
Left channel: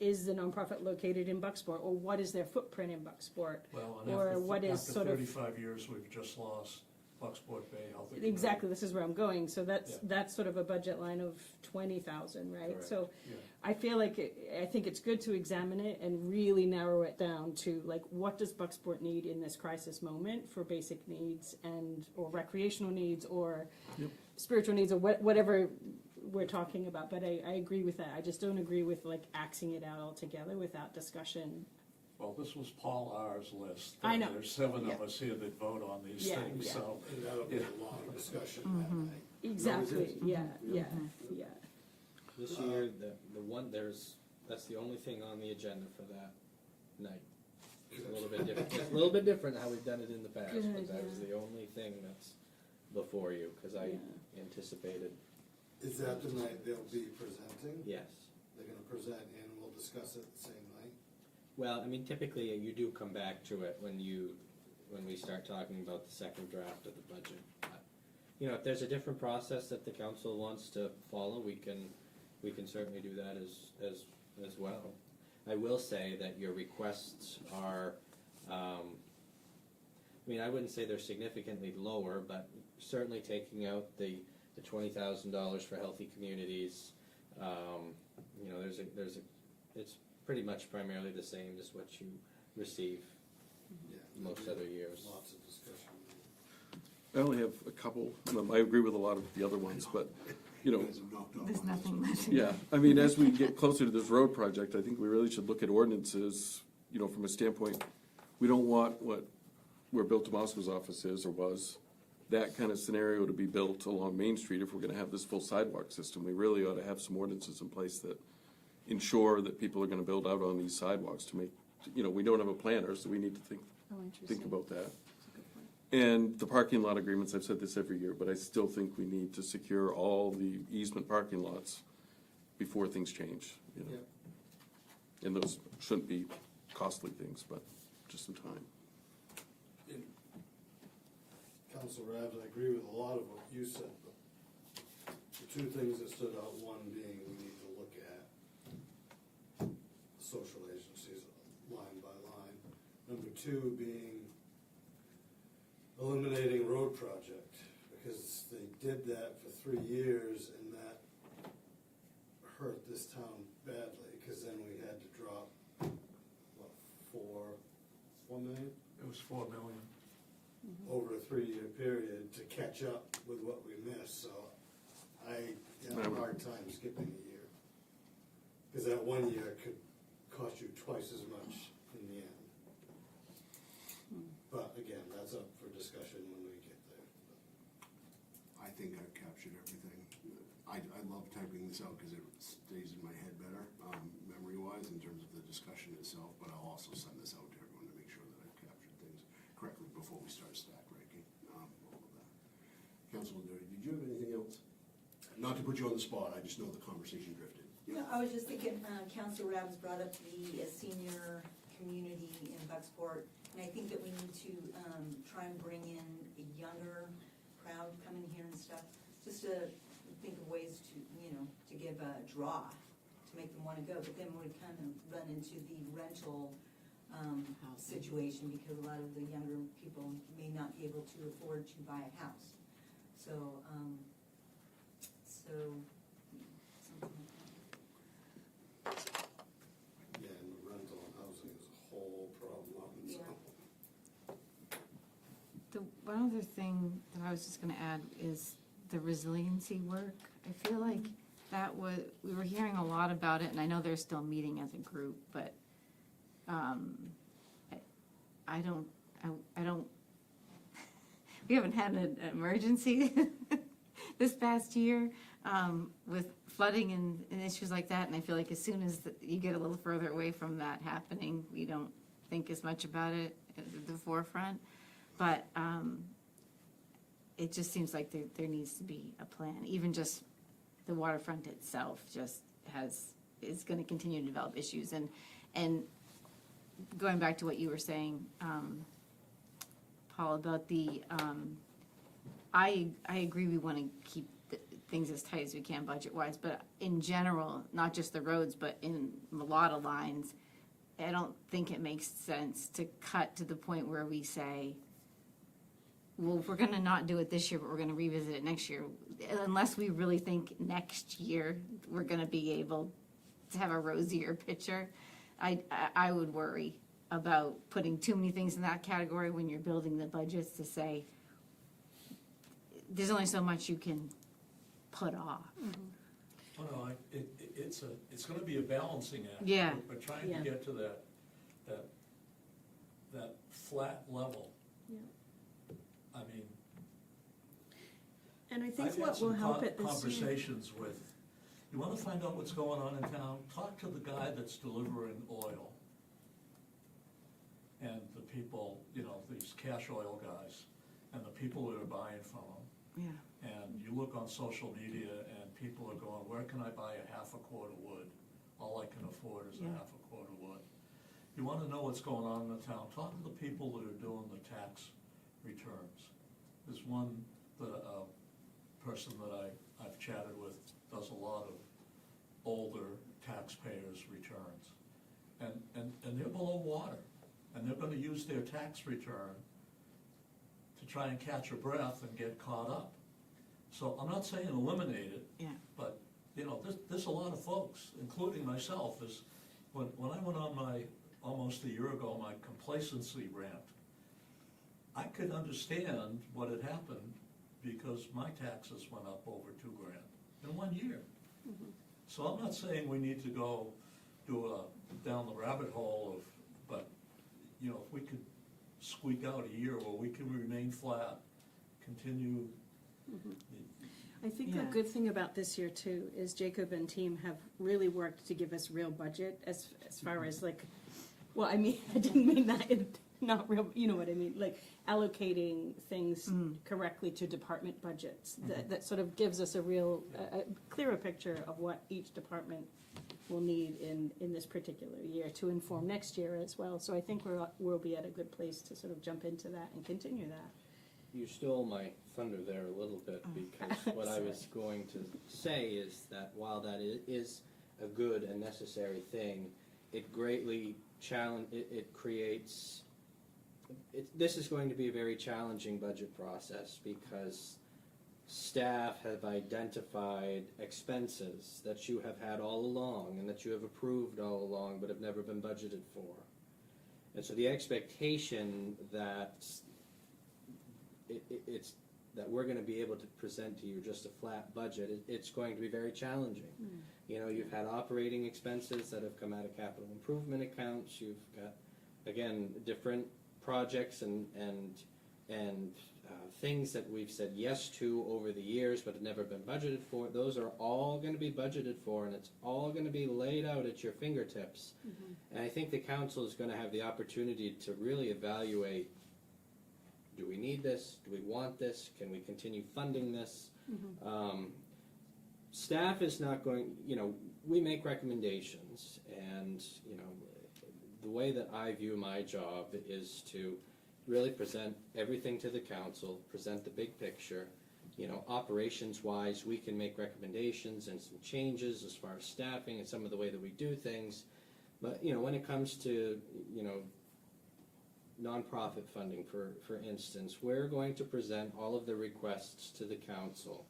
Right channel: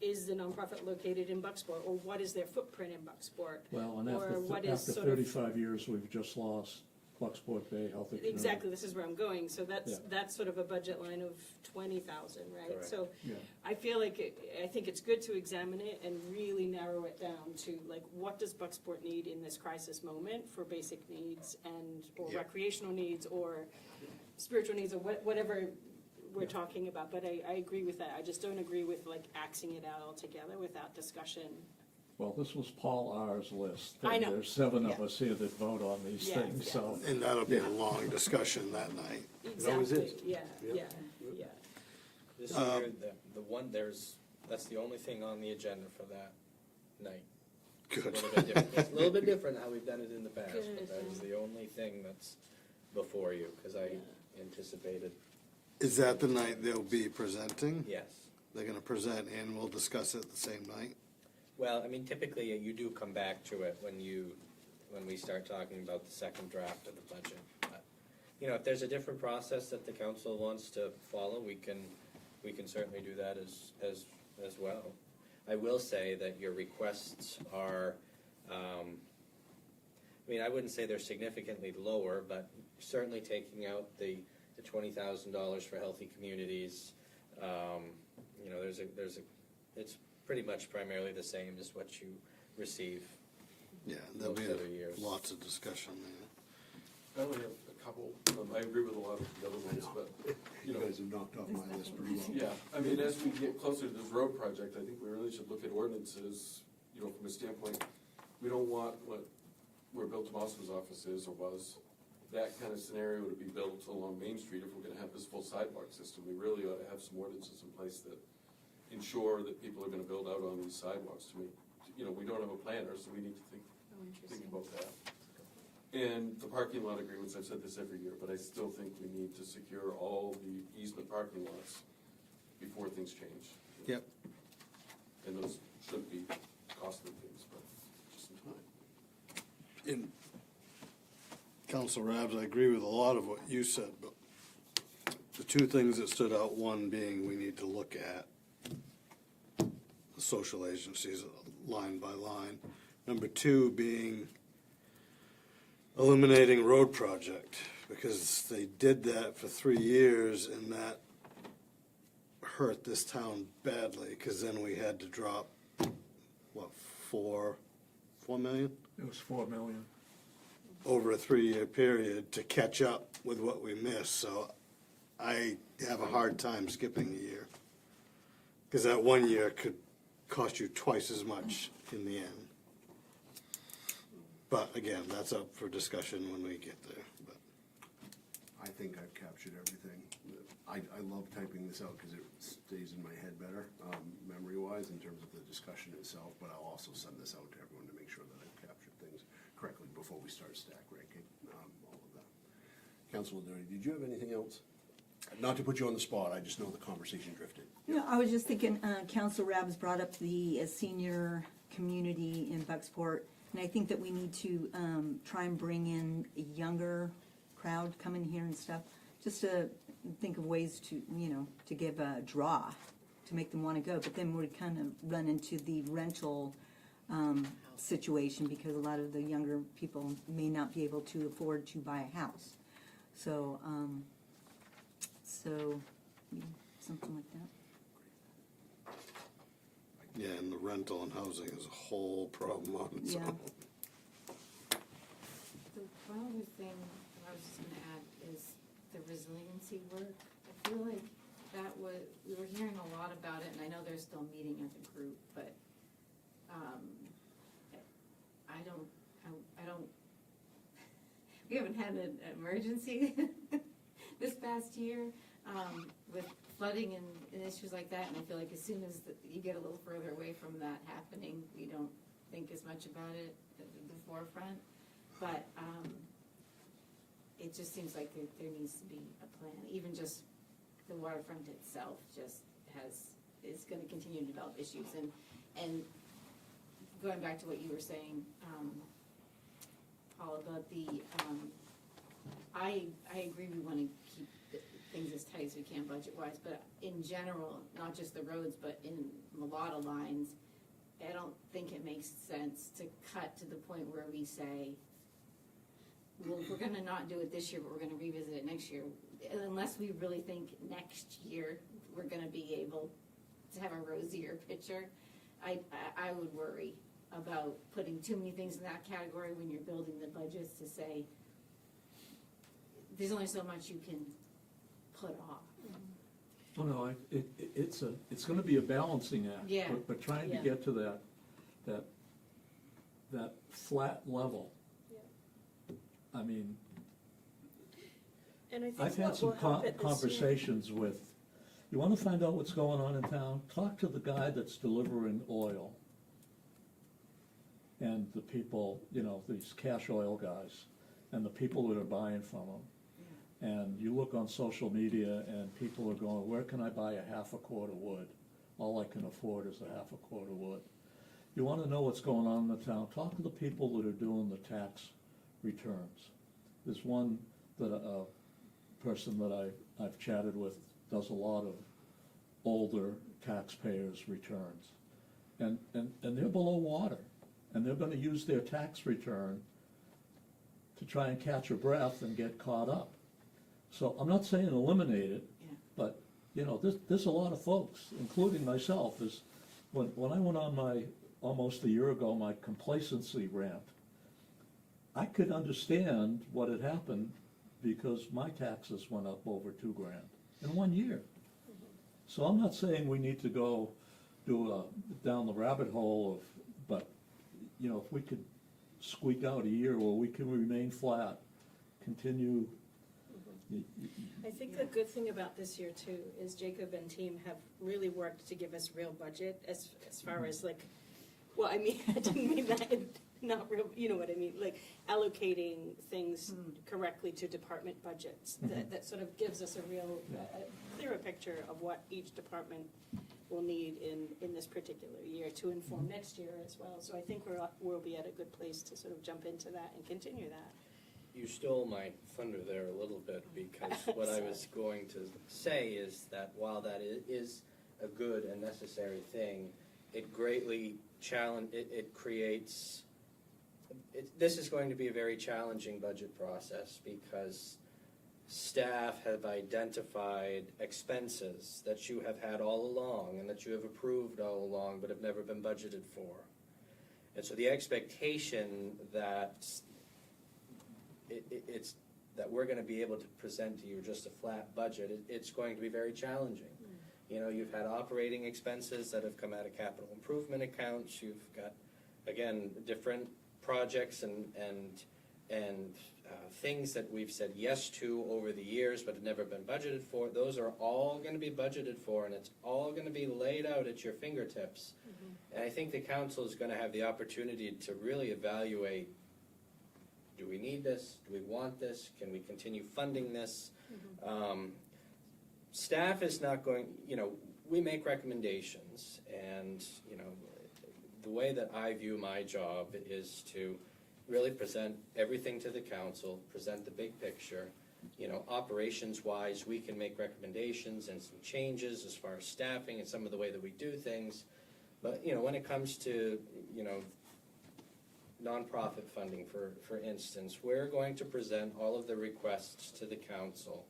is the nonprofit located in Bucksport, or what is their footprint in Bucksport? well, and Or what is after sort of- 35 years, we've just lost Bucksport Bay Healthy Community. Exactly, this is where I'm going, so Yeah. that's sort of a budget line of 20,000, right? Correct. So Yeah. I feel like, I think it's good to examine it and really narrow it down to, like, what does Bucksport need in this crisis moment for basic needs or Yeah. recreational needs, or Yep. spiritual needs, or whatever we're talking about, but I agree with that. I just don't agree with, like, axing it out altogether without discussion. Well, this was Paul R.'s list. I know. There's 7 of Yeah. us here that vote on these Yeah, things, yeah. so. And that'll be a long discussion that night. always is. Exactly, yeah, Yeah. yeah. This Um, year, that's the only thing on the agenda for that night. It's Good. a little bit different. It's a little bit different how we've done it in the past, Good. but that is the only thing that's before you, because I anticipated, Is that the night they'll be presenting? yes. They're gonna present and we'll discuss it the same night? Well, I mean, typically, you do come back to it when we start talking about the second draft of the budget. You know, if there's a different process that the council wants to follow, we can certainly do that as well. I will say that your requests are, I mean, I wouldn't say they're significantly lower, but certainly taking out the $20,000 for healthy communities, you know, it's pretty much primarily the same as what you receive. Yeah, there'll Most other be years. lots of discussion there. I only have a couple. I agree with a lot of the other ones, but, you know, You guys have knocked off There's my list. nothing pretty left. well. yeah, I mean, as we get closer to this road project, I think we really should look at ordinances, you know, from a standpoint, we don't want where Bill Tomasco's office is or was, that kind of scenario to be built along Main Street if we're gonna have this full sidewalk system. We really ought to have some ordinances in place that ensure that people are gonna build out on these sidewalks to make, you know, we don't have a planner, so we need to think about that. And the parking lot agreements, I've said this every year, but I still think we need to secure all the easement parking lots before things change. you know. Yep. And those shouldn't be costly things, but just in time. In Council Rabs, I agree with a lot of what you said, but the two things that stood out, one being we need to look at the social agencies line by line. Number two being eliminating road project, because they did that for 3 years and that hurt this town badly, because then we had to drop, what, 4 million? It was 4 million. Over a 3-year period to catch up with what we missed, so I have a hard time skipping a year. Because that 1 year could cost you twice as much in the end. But again, that's up for discussion when we get there, but. I think I've captured everything. I love typing this out because it stays in my head better, memory-wise, in terms of the discussion itself, but I'll also send this out to everyone to make sure that I've captured things correctly before we start stack ranking, all of that. Councilor Doty, did you have anything else? Not to put you on the spot, I just know the conversation drifted. No, I was just thinking, Council Rabs brought up the senior community in Bucksport, and I think that we need to try and bring in a younger crowd coming here and stuff, just to think of ways to, to give a draw, to make them want to go, but then we kind of run into the rental situation, because a lot of the younger people may not be able to afford to buy a house. So, something like that. Yeah, and the rental and housing is a whole problem on its Yeah. own. The one other thing that I was just gonna add is the resiliency work. I feel like we were hearing a lot about it, and I know they're still meeting as a group, but, I don't, we haven't had an emergency this past year, with flooding and issues like that, and I feel like as soon as you get a little further away from that happening, you don't think as much about it at the forefront. But it just seems like there needs to be a plan. Even just the waterfront itself is going to continue to develop issues. And going back to what you were saying, Paul, about the I agree we want to keep things as tight as we can budget-wise, but in general, not just the roads, but in a lot of lines, I don't think it makes sense to cut to the point where we say, well, we're gonna not do it this year, but we're gonna revisit it next year. Unless we really think next year we're gonna be able to have a rosier picture, I would worry about putting too many things in that category when you're building the budgets, to say, there's only so much you can put off. Oh, no, it's gonna be a balancing act. Yeah. But trying to Yeah. get to that flat level. Yeah. I mean, And I I've think had what will some help it this year. conversations with, you wanna find out what's going on in town? Talk to the guy that's delivering oil. And the people, these cash oil guys, and the people that are buying from them. Yeah. And you look on social media and people are going, where can I buy a half a quart of wood? All I can afford is a half a quart of wood. You wanna know what's going on in the town, talk to the people that are doing the tax returns. There's one that, a person that I've chatted with does a lot of older taxpayers' returns. And they're below water, and they're gonna use their tax return to try and catch a breath and get caught up. So I'm not saying eliminate it, Yeah. but, there's a lot of folks, including myself, when I went on almost a year ago, my complacency rant, I could understand what had happened because my taxes went up over $2,000 in 1 year. So I'm not saying we need to go down the rabbit hole but, if we could squeak out a year where we can remain flat, continue. I think Yeah. the good thing about this year too is Jacob and team have really worked to give us real budget as far as well, I mean, I didn't mean that in not real, you know what I mean, like allocating things correctly to department budgets. That sort of gives us a real, a clearer picture of what each department will need in this particular year to inform next year as well. So I think we'll be at a good place to sort of jump into that and continue that. You stole my thunder there a little bit, because what I was going to say is that while that is a good and necessary thing, it greatly this is going to be a very challenging budget process, because staff have identified expenses that you have had all along and that you have approved all along but have never been budgeted for. And so the expectation that it's that we're going to be able to present to you just a flat budget, it's going to be very challenging. You know, you've had operating expenses that have come out of capital improvement accounts. You've got, again, different projects and things that we've said yes to over the years but have never been budgeted for. Those are all going to be budgeted for, and it's all going to be laid out at your fingertips. And I think the council is going to have the opportunity to really evaluate, do we need this? Do we want this? Can we continue funding this? Staff is not going, you know, we make recommendations, and, you know, the way that I view my job is to really present everything to the council, present the big picture. You know, operations-wise, we can make recommendations and some changes as far as staffing and some of the way that we do things. But, you know, when it comes to, you know, nonprofit funding, for instance, we're going to present all of the requests to the council.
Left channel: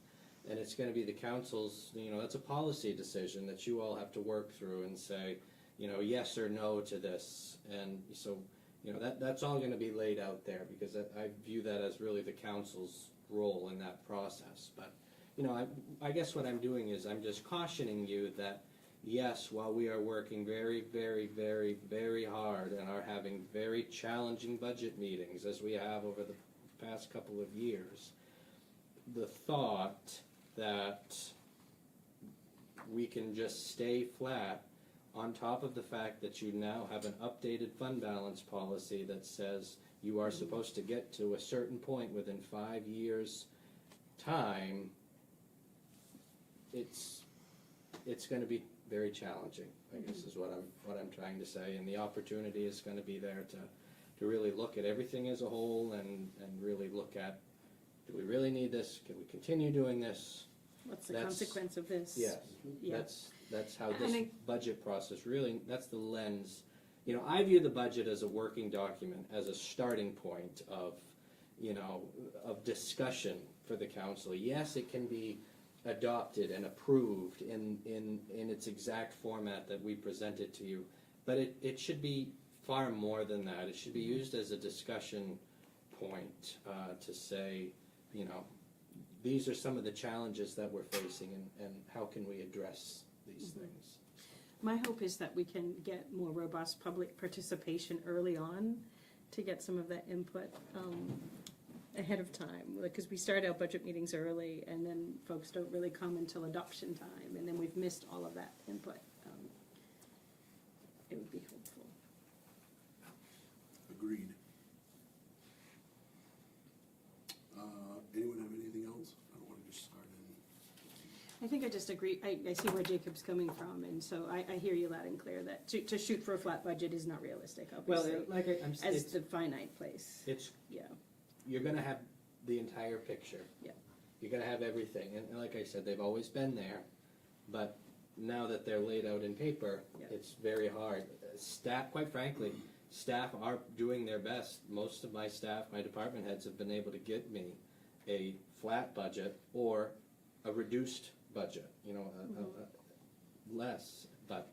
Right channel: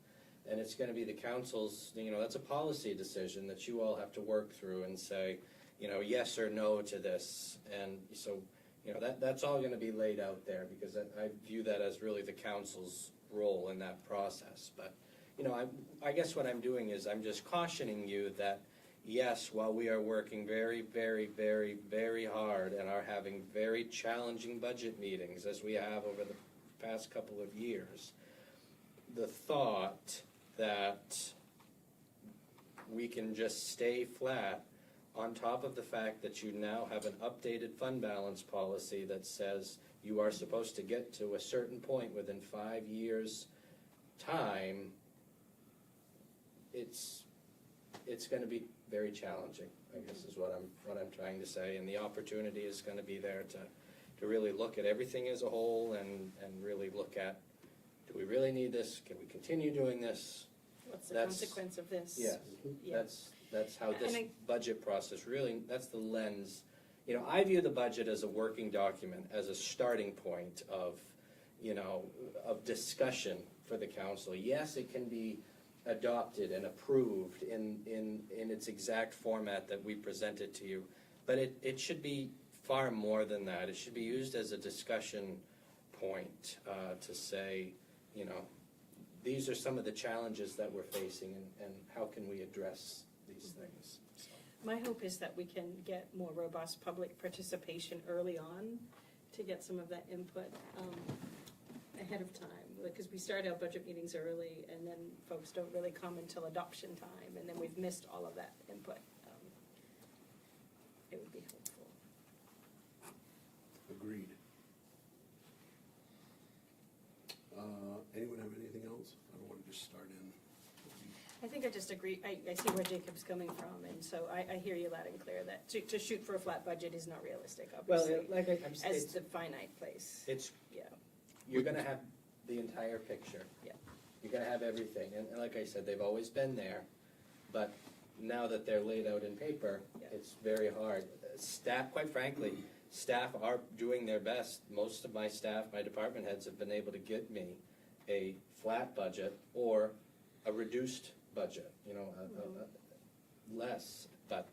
And it's going to be the council's, you know, that's a policy decision that you all have to work through and say, you know, yes or no to this. And so, you know, that's all going to be laid out there, because I view that as really the council's role in that process. But, you know, I guess what I'm doing is I'm just cautioning you that, yes, while we are working very, very, very, very hard and are having very challenging budget meetings as we have over the past couple of years, the thought that we can just stay flat on top of the fact that you now have an updated fund balance policy that says you are supposed to get to a certain point within 5 years' time, it's going to be very challenging, I guess is what I'm trying to say, and the opportunity is going to be there to really look at everything as a whole and really look at, do we really need this? Can we continue doing this? What's the That's- consequence of this? Yes, Yeah. that's how And this I- budget process really, that's the lens. You know, I view the budget as a working document, as a starting point of, you know, of discussion for the council. Yes, it can be adopted and approved in its exact format that we presented to you, but it should be far more than that. It should be used as a discussion point to say, you know, these are some of the challenges that we're facing, and how can we address these things. My hope is that we can get more robust public participation early on to get some of that input ahead of time, because we start our budget meetings early and then folks don't really come until adoption time, and then we've missed all of that input. It would be helpful. Agreed. Anyone have anything else? I don't want to just start in. I think I just agree, I see where Jacob's coming from, and so I hear you loud and clear that to shoot for a flat budget is not realistic, Well, obviously, like I'm as saying, the finite place, it's yeah. you're going to have the entire picture. Yeah. You're going to have everything, and like I said, they've always been there, but now that they're laid out in paper, Yeah. it's very hard. Staff, quite frankly, staff are doing their best. Most of my staff, my department heads, have been able to get me a flat budget or a reduced budget, you know, less. But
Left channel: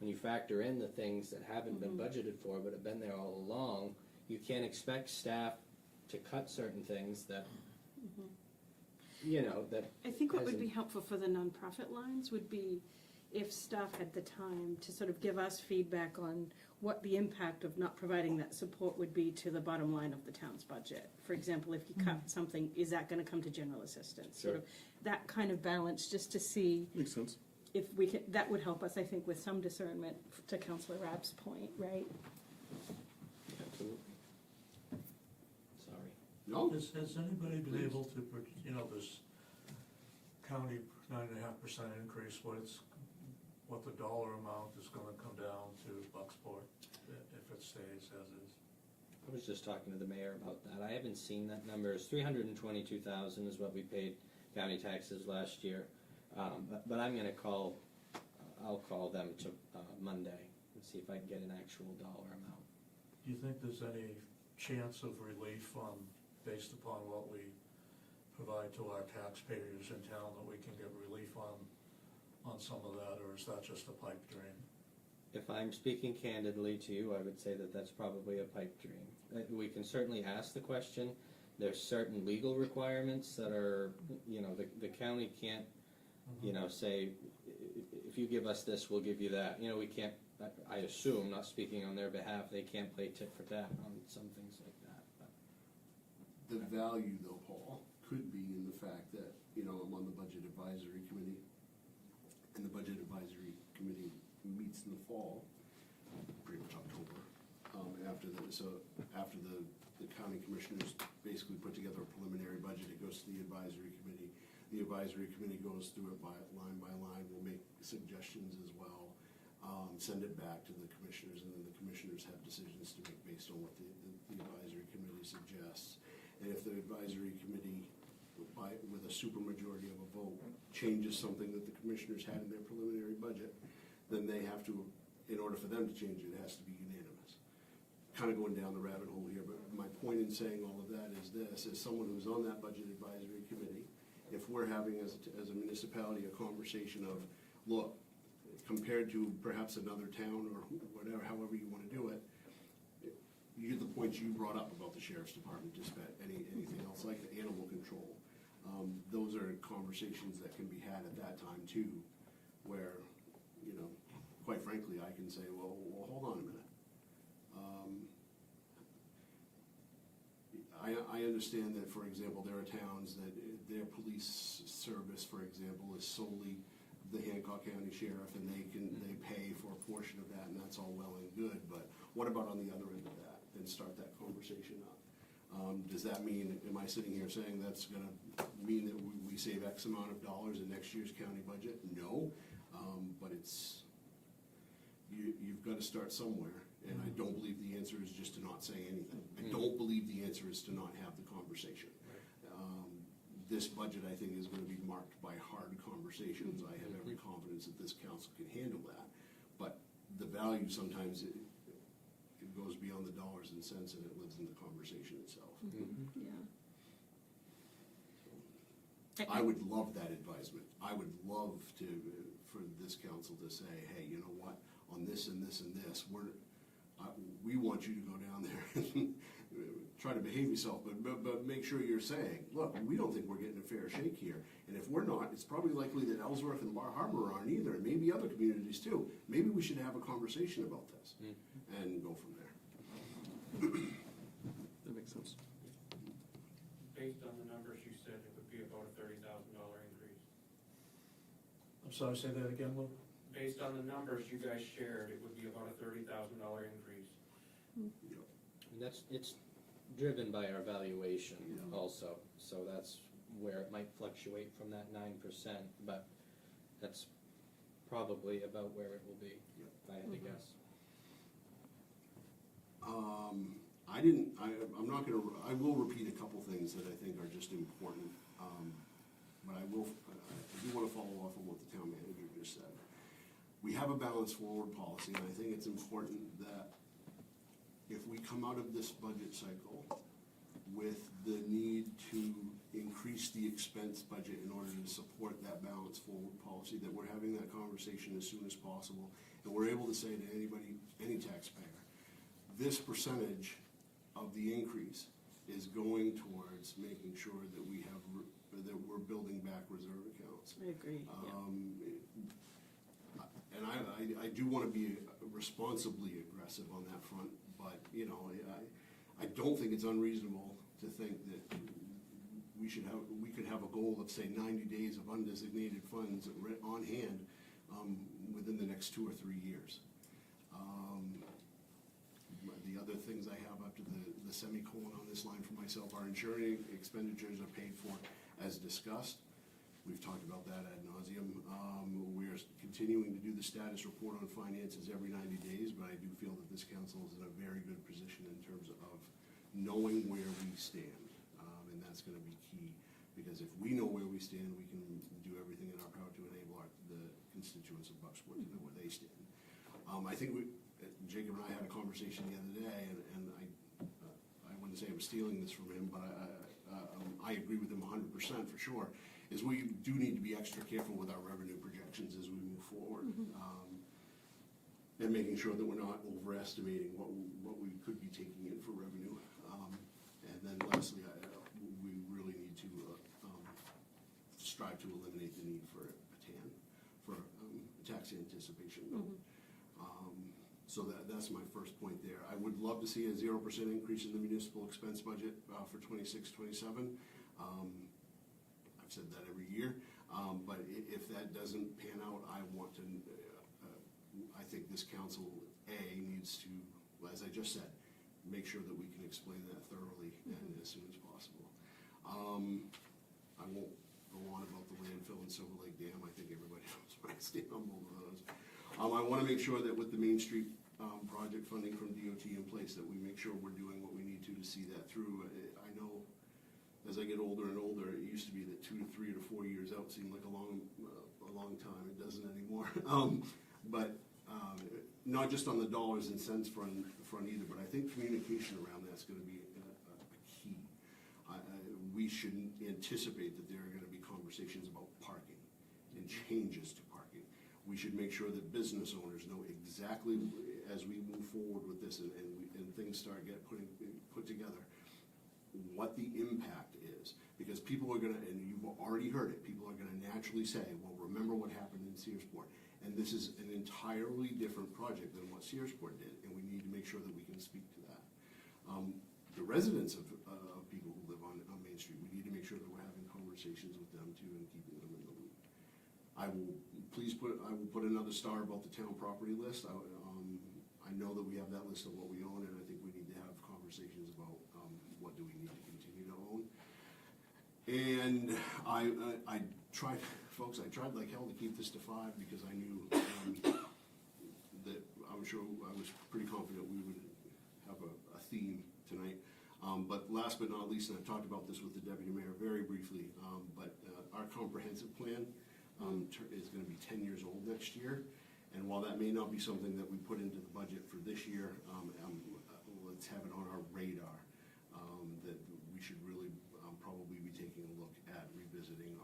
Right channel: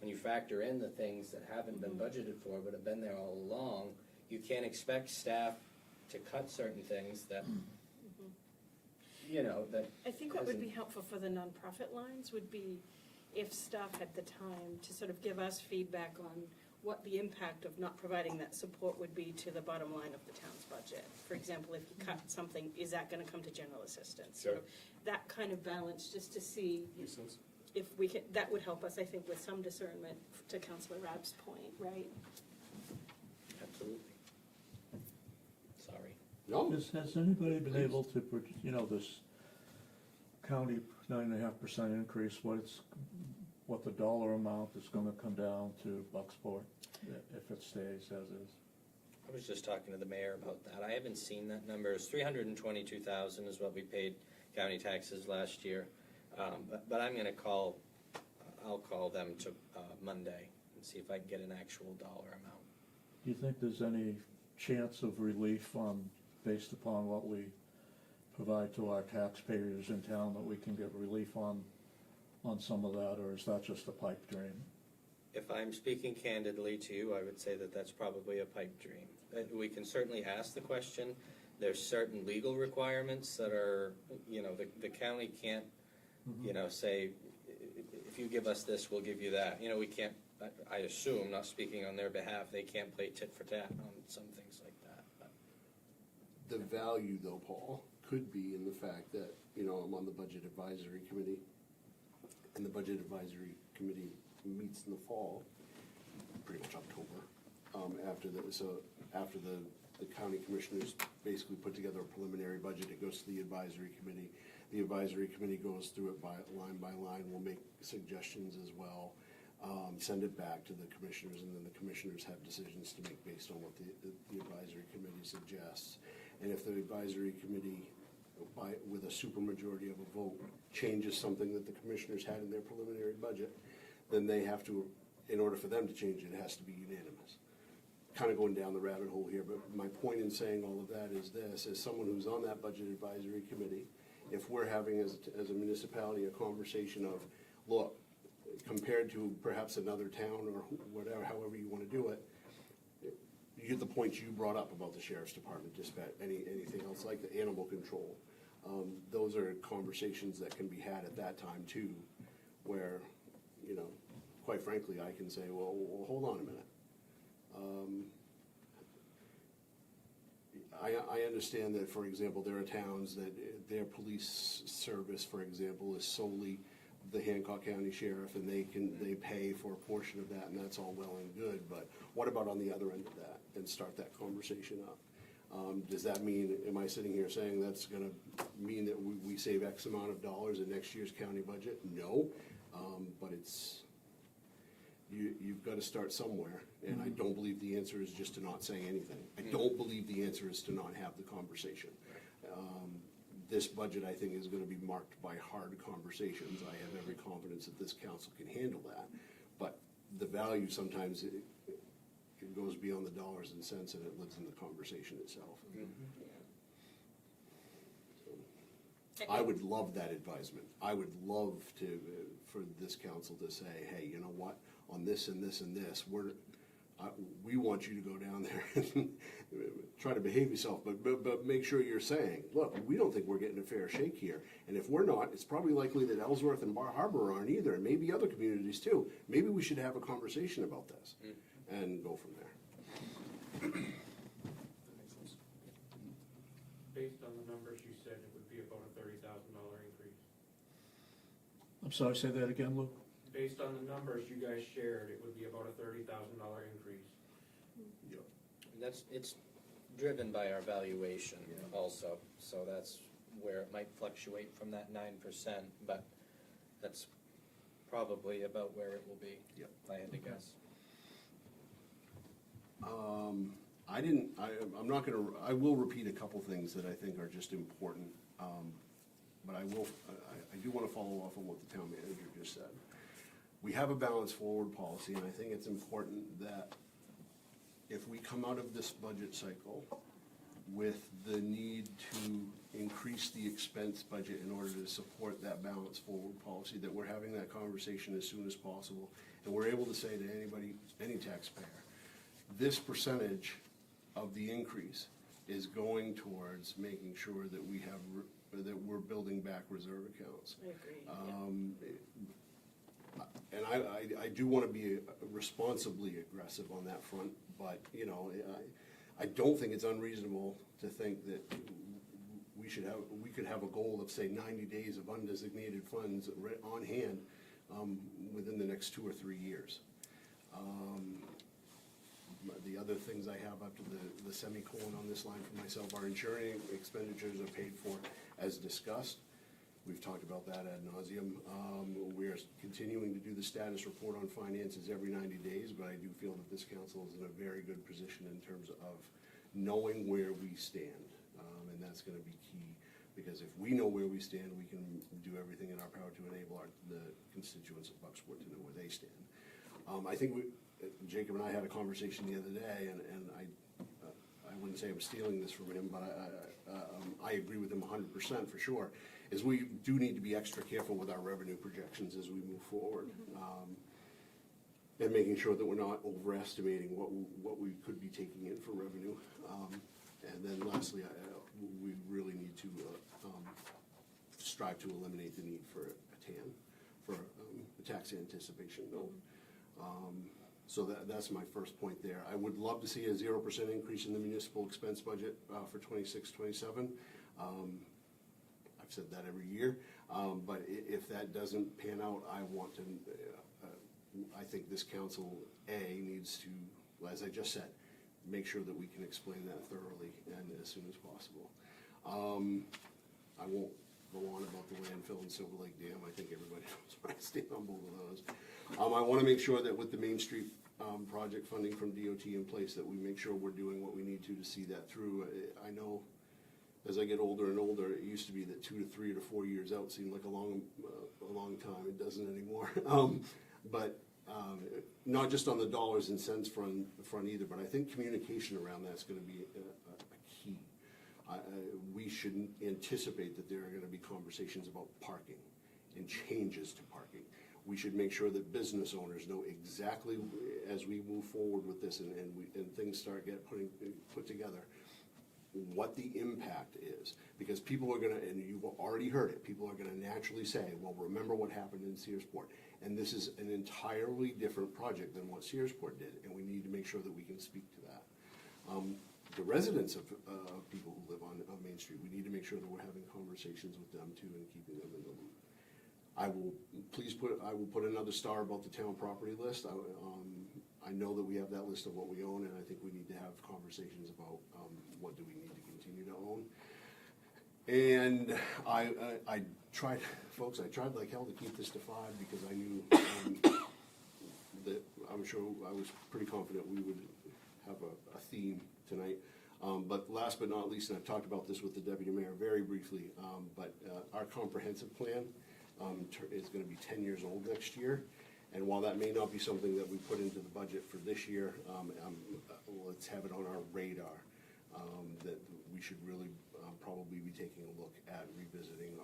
when you factor in the things that haven't been budgeted for but have been there all along, you can't expect staff to cut certain things that, you know, that. I think what would hasn't- be helpful for the nonprofit lines would be if staff had the time to sort of give us feedback on what the impact of not providing that support would be to the bottom line of the town's budget. For example, if you cut something, is that gonna come to general assistance? Sure. You know, that kind of balance, just to see Makes sense. if we can, that would help us, I think, with some discernment, to Councilor Rabb's point, right? Absolutely. No, Has anybody been able to, this county 9.5% increase, what the dollar amount is gonna come down to Bucksport if it stays as is? I was just talking to the mayor about that. I haven't seen that number. It's 322,000 is what we paid county taxes last year. But I'm gonna I'll call them to Monday and see if I can get an actual dollar amount. Do you think there's any chance of relief based upon what we provide to our taxpayers in town, that we can get relief on some of that, or is that just a pipe dream? If I'm speaking candidly to you, I would say that that's probably a pipe dream. We can certainly ask the question. There's certain legal requirements that are, the county can't, say, if you give us this, we'll give you that. We can't, I assume, not speaking on their behalf, they can't play tit for tat on some things like that. But the value though, Paul, could be in the fact that, I'm on the Budget Advisory Committee, and the Budget Advisory Committee meets in the fall, pretty much October, after the county commissioners basically put together a preliminary budget. It goes to the advisory committee. The advisory committee goes through it by line, will make suggestions as well, send it back to the commissioners, and then the commissioners have decisions to make based on what the advisory committee suggests. And if the advisory committee, with a supermajority of a vote, changes something that the commissioners had in their preliminary budget, then they have to, in order for them to change it, it has to be unanimous. Kind of going down the rabbit hole here, but my point in saying all of that is this: as someone who's on that Budget Advisory Committee, if we're having as a municipality a conversation of, look, compared to perhaps another town or whatever, however you want to do it, you get the points you brought up about the sheriff's department, dispatch, anything else like the animal control. Those are conversations that can be had at that time too, where, quite frankly, I can say, well, hold on a minute. I understand that, for example, there are towns that their police service, for example, is solely the Hancock County Sheriff, and they pay for a portion of that, and that's all well and good, but what about on the other end of that, and start that conversation up? Does that mean, am I sitting here saying that's gonna mean that we save X amount of dollars in next year's county budget? No, but you've got to start somewhere, and I don't believe the answer is just to not say anything. I don't believe the answer is to not have the conversation. This budget, I think, is gonna be marked by hard conversations. I have every confidence that this council can handle that, but the value sometimes, it goes beyond the dollars and cents, and it lives in the conversation itself. I would love that advisement. I would love for this council to say, hey, you know what, on this and this and this, we want you to go down there and try to behave yourself, but make sure you're saying, look, we don't think we're getting a fair shake here. And if we're not, it's probably likely that Ellsworth and Bar Harbor aren't either, and maybe other communities too. Maybe we should have a conversation about this and go from there. That makes sense. Based on the numbers you said, it would be about a $30,000 increase. I'm sorry, say that again, Lou? Based on the numbers you guys shared, it would be about a $30,000 increase. And it's driven by our valuation also, so that's where it might fluctuate from that 9%, but that's probably about where it will be, if I had to guess. I will repeat a couple things that I think are just important, but I do want to follow off on what the town manager just said. We have a balanced forward policy, and I think it's important that if we come out of this budget cycle with the need to increase the expense budget in order to support that balanced forward policy, that we're having that conversation as soon as possible, and we're able to say to anybody, any taxpayer, this percentage of the increase is going towards making sure that that we're building back reserve accounts. I agree. And I do want to be responsibly aggressive on that front, but, I don't think it's unreasonable to think that we could have a goal of, say, 90 days of undesignated funds on hand within the next 2 or 3 years. The other things I have after the semicolon on this line for myself are ensuring expenditures are paid for as discussed. We've talked about that ad nauseum. We're continuing to do the status report on finances every 90 days, but I do feel that this council is in a very good position in terms of knowing where we stand. And that's gonna be key, because if we know where we stand, we can do everything in our power to enable the constituents of Bucksport to know where they stand. I think Jacob and I had a conversation the other day, and I wouldn't say I'm stealing this from him, but I agree with him 100% for sure, is we do need to be extra careful with our revenue projections as we move forward. And making sure that we're not overestimating what we could be taking in for revenue. And then lastly, we really need to strive to eliminate the need for a TAN, for a tax anticipation note. So that's my first point there. I would love to see a 0% increase in the municipal expense budget for 26-27. I've said that every year, but if that doesn't pan out, I want to, I think this council, needs to, as I just said, make sure that we can explain that thoroughly and as soon as possible. I won't go on about the landfill and Silver Lake Dam. I think everybody knows where I stand on both of those. I want to make sure that with the Main Street project funding from DOT in place, that we make sure we're doing what we need to see that through. I know as I get older and older, it used to be that 2 to 3 to 4 years out seemed like a long time. It doesn't anymore. But not just on the dollars and cents front either, but I think communication around that's going to be a key. We should anticipate that there are going to be conversations about parking and changes to parking. We should make sure that business owners know exactly as we move forward with this and things start put together, what the impact is. Because people are gonna, and you've already heard it, people are gonna naturally say, well, remember what happened in Searsport. And this is an entirely different project than what Searsport did, and we need to make sure that we can speak to that. The residents of people who live on Main Street, we need to make sure that we're having conversations with them too and keeping them in the loop. I will put another star about the town property list. I know that we have that list of what we own, and I think we need to have conversations about what do we need to continue to own. And I tried, folks, I tried like hell to keep this to 5 because I knew that I'm sure I was pretty confident we would have a theme tonight. But last but not least, and I've talked about this with the deputy mayor very briefly, but our comprehensive plan is going to be 10 years old next year. And while that may not be something that we put into the budget for this year, let's have it on our radar, that we should really probably be taking a look at revisiting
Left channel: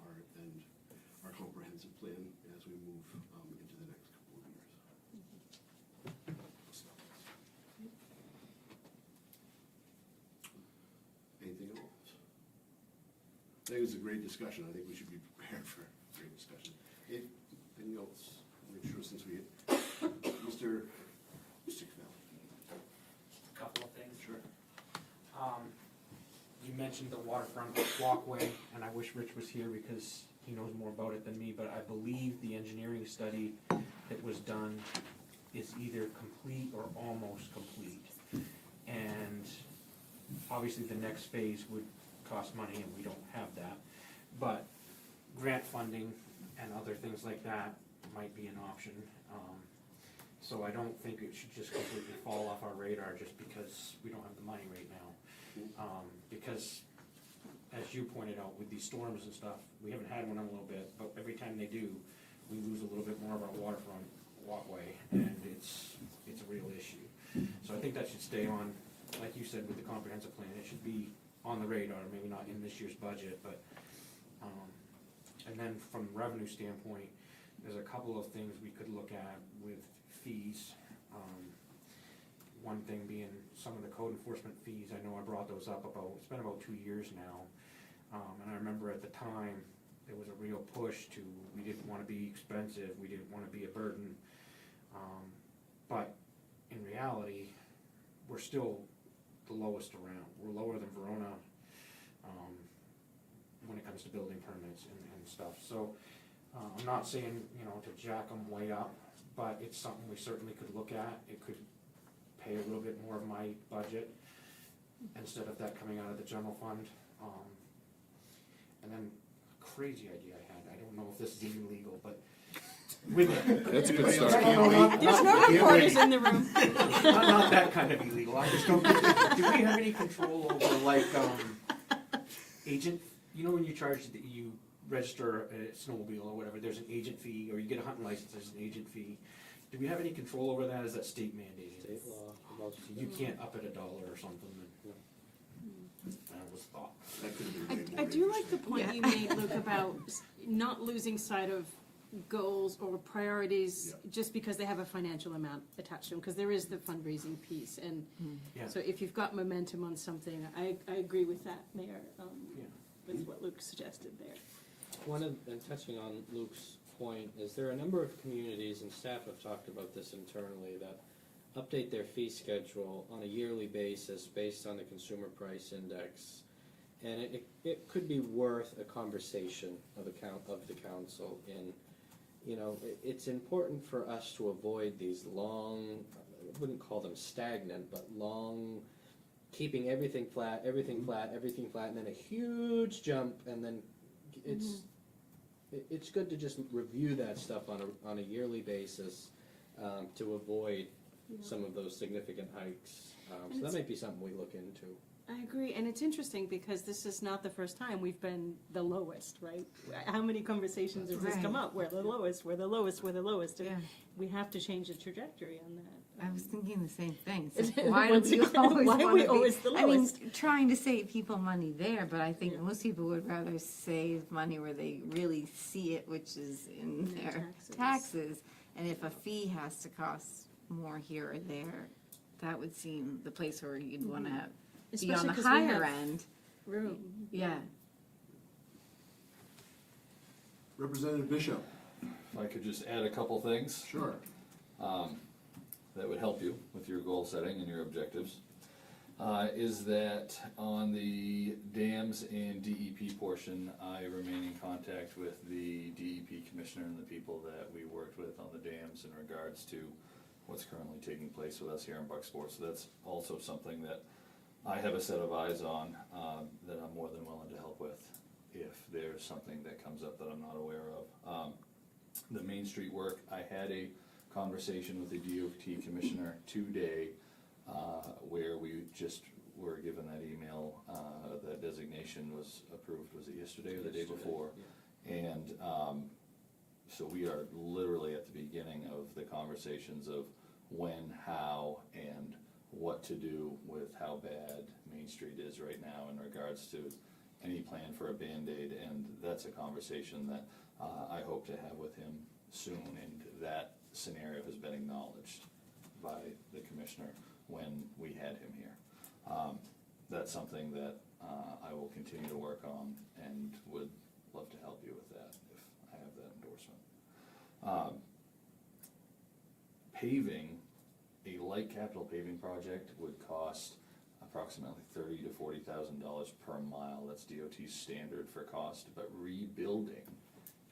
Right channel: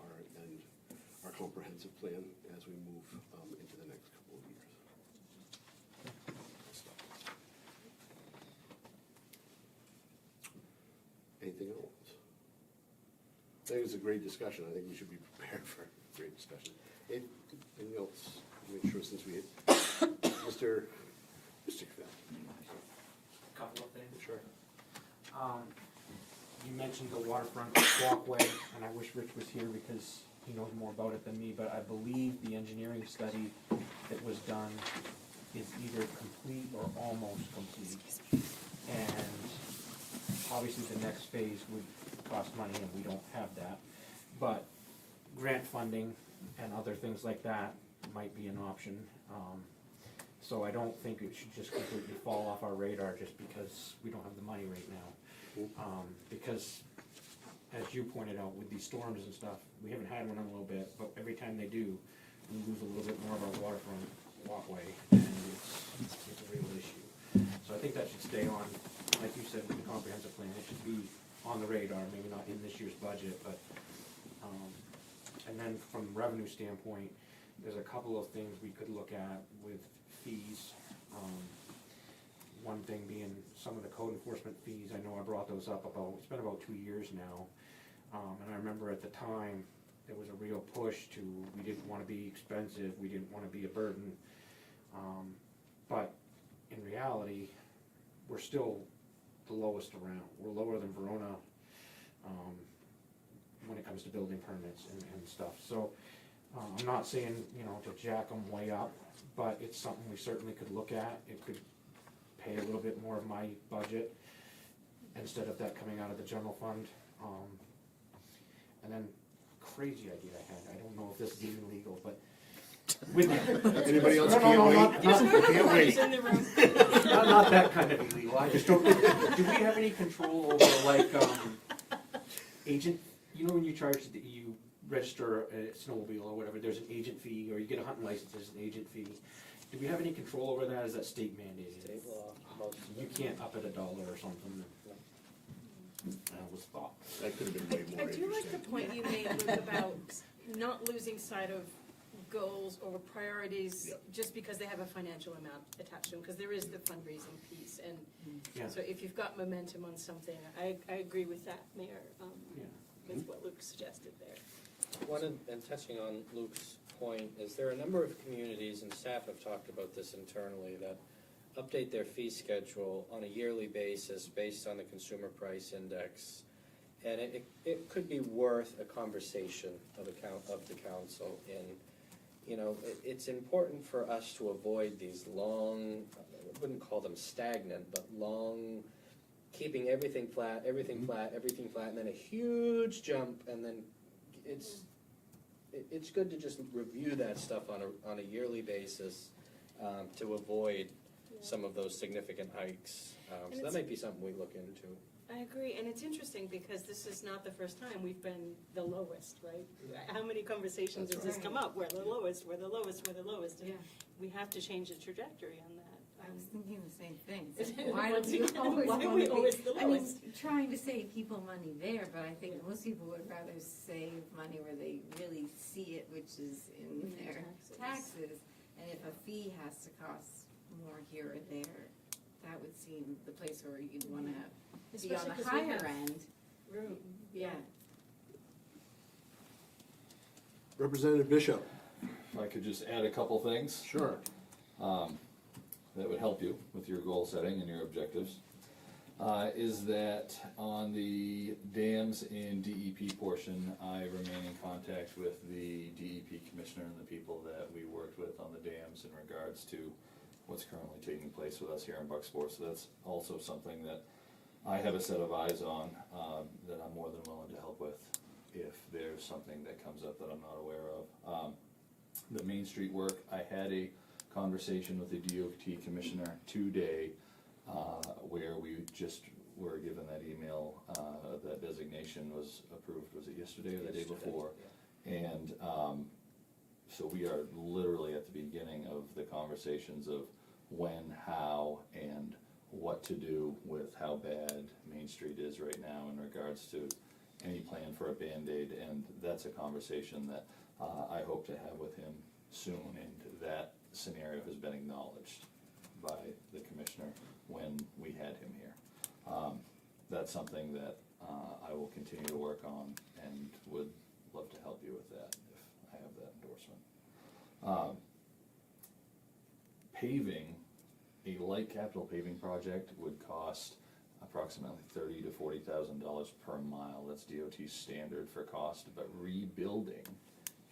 our comprehensive plan as we move into the next couple of years. Anything else? I think it was a great discussion. I think we should be prepared for a great discussion. Anything else? Make sure since we hit Mr. Caffell. A couple of things. Sure. You mentioned the waterfront walkway, and I wish Rich was here because he knows more about it than me, but I believe the engineering study that was done is either complete or almost complete. And obviously the next phase would cost money, and we don't have that. But grant funding and other things like that might be an option. So I don't think it should just completely fall off our radar just because we don't have the money right now. Because, as you pointed out, with these storms and stuff, we haven't had one in a little bit, but every time they do, we lose a little bit more of our waterfront walkway, and it's a real issue. So I think that should stay on, like you said, with the comprehensive plan. It should be on the radar, maybe not in this year's budget, but, and then from a revenue standpoint, there's a couple of things we could look at with fees. One thing being some of the code enforcement fees. I know I brought those up it's been about 2 years now. And I remember at the time, there was a real push to, we didn't want to be expensive, we didn't want to be a burden. But in reality, we're still the lowest around. We're lower than Verona when it comes to building permits and stuff. So I'm not saying, to jack them way up, but it's something we certainly could look at. It could pay a little bit more of my budget instead of that coming out of the general fund. And then, crazy idea I had, I don't know if this is even legal, but with, Anybody else no, can't no, wait? not, There's no can't reporters wait. in the room. Not that kind of illegal, I just don't, do we have any control over like, agent, you know when you charge, you register a snowmobile or whatever, there's an agent fee, or you get a hunting license, there's an agent fee. Do we have any control over that, is that state mandated? State law, most of You them. can't up it $1 or something, that was thought. That could have been way I more do like the interesting. point you made, Luke, about not losing sight of goals or priorities Yep. just because they have a financial amount attached to them, because there is the fundraising piece, and Yeah. so if you've got momentum on something, I agree with that, Mayor, Yeah. with what Luke suggested there. And touching on Luke's point, is there are a number of communities, and staff have talked about this internally, that update their fee schedule on a yearly basis based on the consumer price index. And it could be worth a conversation of the council. And, you know, it's important for us to avoid these long, I wouldn't call them stagnant, but long, keeping everything flat, everything flat, and then a huge jump, and then it's good to just review that stuff on a yearly basis to avoid some of those significant hikes. So that might be something we look into. I agree, and it's interesting because this is not the first time we've been the lowest, right? How many conversations has this come up? We're the lowest, we're the lowest, we're the lowest, and Yeah. we have to change the trajectory on that. I was thinking the same thing. Is So it- why do once we again, always why are wanna we be- always the I mean, lowest? trying to save people money there, but I think most people would rather save money where they really see it, which is in their taxes. And if a fee has to cost more here or there, that would seem the place where you'd wanna be on Especially the 'cause we higher have end. room. Yeah. Representative Bishop. If I could just add a couple things. Sure. That would help you with your goal setting and your objectives, is that on the dams and DEP portion, I remain in contact with the DEP commissioner and the people that we worked with on the dams in regards to what's currently taking place with us here in Bucksport. So that's also something that I have a set of eyes on, that I'm more than willing to help with if there's something that comes up that I'm not aware of. The Main Street work, I had a conversation with the DOT commissioner today, where we just were given that email, that designation was approved, was it yesterday or the day before? And, so we are literally at the beginning of the conversations of when, how, and what to do with how bad Main Street is right now in regards to any plan for a Band-Aid, and that's a conversation that I hope to have with him soon, and that scenario has been acknowledged by the commissioner when we had him here. That's something that I will continue to work on and would love to help you with that if I have that endorsement. Paving, a light capital paving project would cost approximately $30,000 to $40,000 per mile. That's DOT's standard for cost, but rebuilding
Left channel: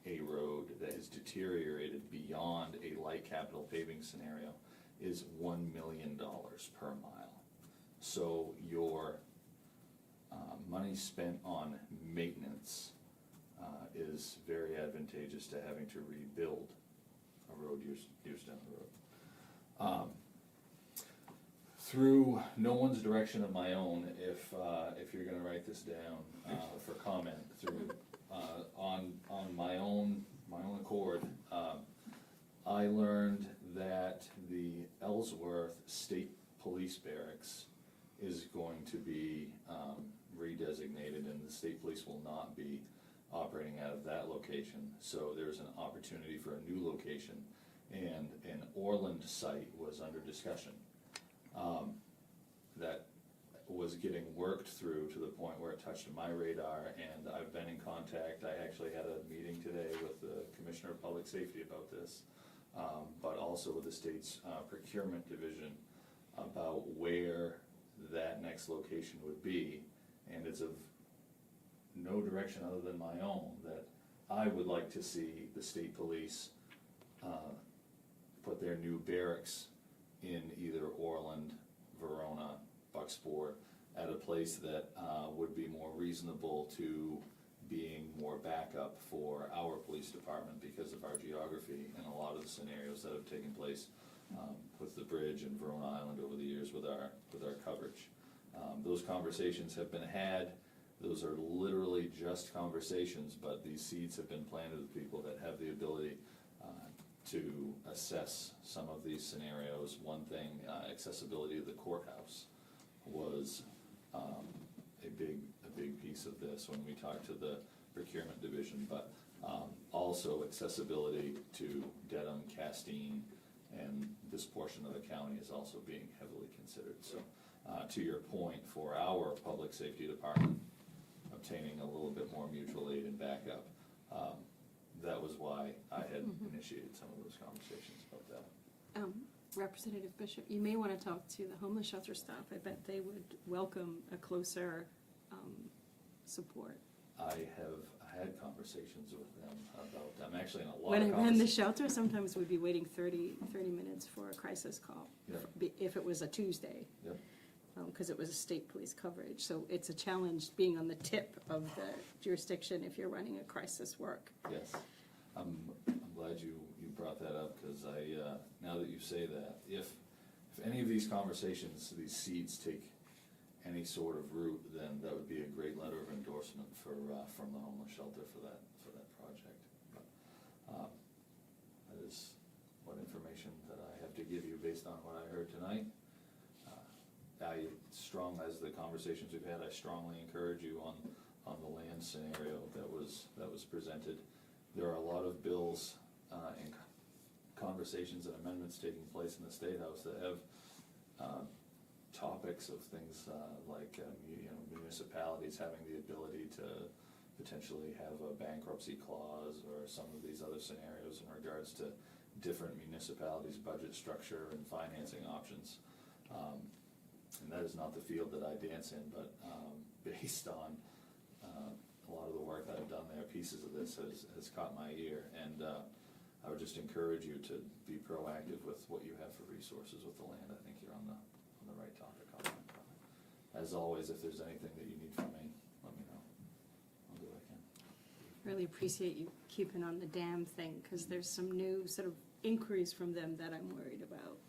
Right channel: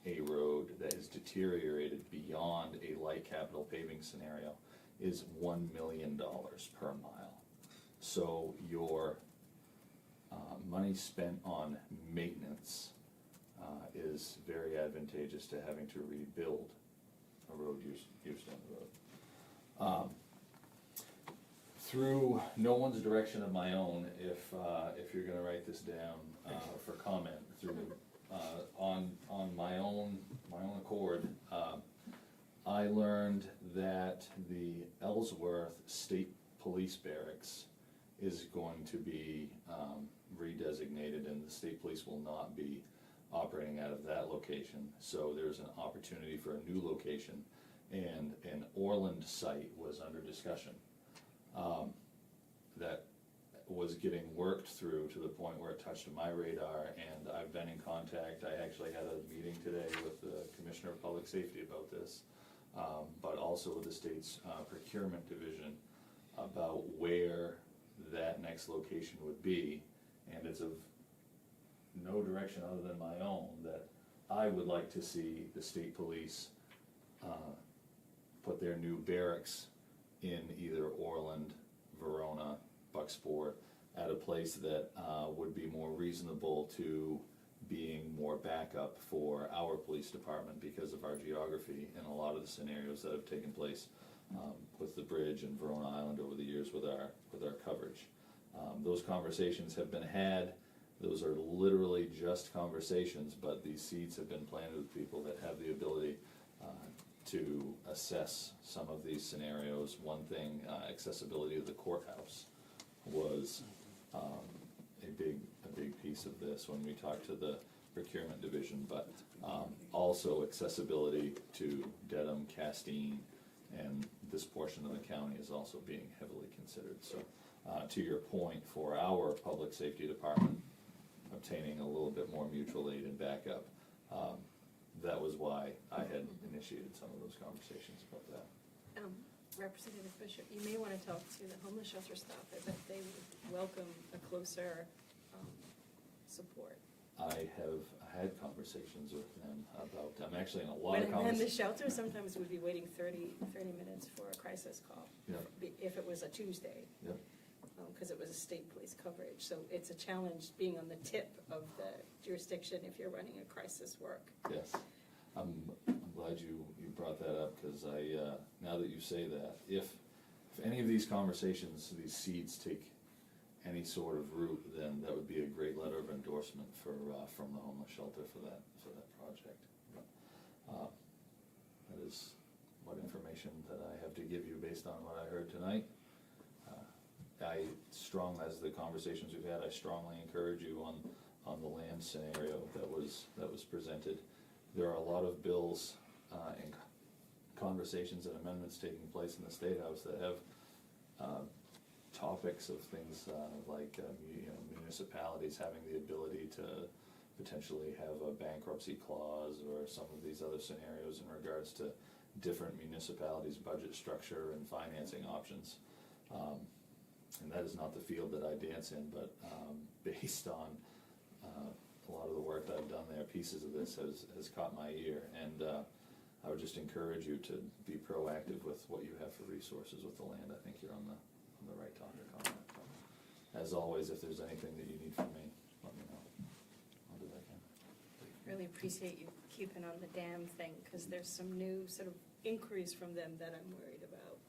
a road that is deteriorated beyond a light capital paving scenario is $1 million per mile. So your money spent on maintenance is very advantageous to having to rebuild a road years down the road. Through no one's direction of my own, if you're gonna write this down for comment, through on my own accord, I learned that the Ellsworth State Police Barracks is going to be redesignated, and the state police will not be operating out of that location. So there's an opportunity for a new location, and an Orland site was under discussion. That was getting worked through to the point where it touched my radar, and I've been in contact. I actually had a meeting today with the Commissioner of Public Safety about this, but also with the state's procurement division about where that next location would be, and it's of no direction other than my own that I would like to see the state police put their new barracks in either Orland, Verona, Bucksport, at a place that would be more reasonable to being more backup for our police department because of our geography and a lot of the scenarios that have taken place with the bridge and Verona Island over the years with our coverage. Those conversations have been had. Those are literally just conversations, but these seeds have been planted with people that have the ability to assess some of these scenarios. One thing, accessibility of the courthouse was a big piece of this when we talked to the procurement division, but also accessibility to Dedham, Castine, and this portion of the county is also being heavily considered. So to your point, for our public safety department, obtaining a little bit more mutual aid and backup, that was why I had initiated some of those conversations about that. Representative Bishop, you may want to talk to the homeless shelter staff. I bet they would welcome a closer support. I have had conversations with them about, I'm actually in a lot When of in the conversations. shelter, sometimes we'd be waiting 30 minutes for a crisis call. Yeah. If it was a Tuesday. Yep. Because it was a state police coverage. So it's a challenge being on the tip of the jurisdiction if you're running a crisis work. Yes, I'm glad you brought that up, because now that you say that, if any of these conversations, these seeds take any sort of root, then that would be a great letter of endorsement from the homeless shelter for that project. But that is what information that I have to give you based on what I heard tonight. As the conversations we've had, I strongly encourage you on the land scenario that was presented. There are a lot of bills and conversations and amendments taking place in the State House that have topics of things like municipalities having the ability to potentially have a bankruptcy clause or some of these other scenarios in regards to different municipalities' budget structure and financing options. And that is not the field that I dance in, but based on a lot of the work that I've done there, pieces of this has caught my ear. And I would just encourage you to be proactive with what you have for resources with the land. I think you're on the right topic on that. But as always, if there's anything that you need from me, let me know. I'll do what I can. Really appreciate you keeping on the dam thing, because there's some new sort of inquiries from them that I'm worried about.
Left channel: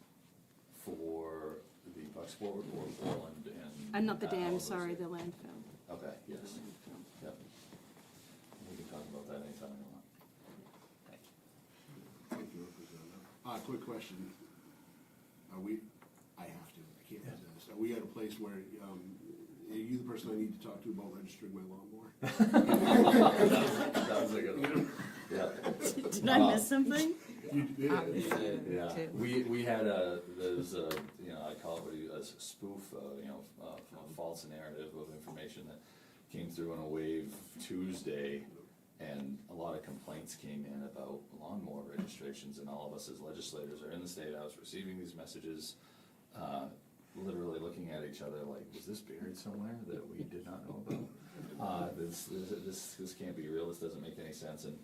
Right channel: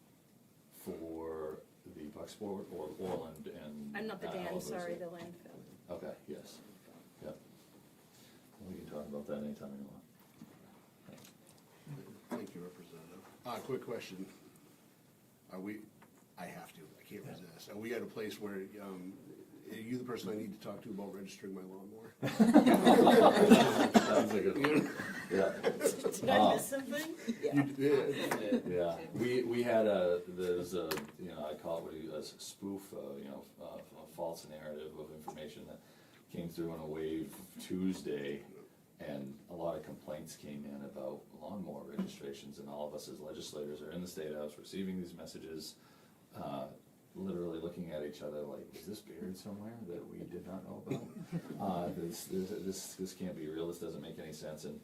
For the Bucksport or Orland and... I'm not the dam, Alamoose? sorry, the landfill. Okay, yes. Yep. We can talk about that anytime you want. Thank you, Representative. Quick question. I have to, I can't resist. Are we at a place where, are you the person I need to talk to about registering my lawnmower? Sounds like a, yeah. Did I miss something? Yeah, we had there's a, I call it a spoof, a false narrative of information that came through on a wave Tuesday, and a lot of complaints came in about lawnmower registrations, and all of us as legislators are in the State House receiving these messages, literally looking at each other like, is this buried somewhere that we did not know about? This can't be real, this doesn't make any sense. And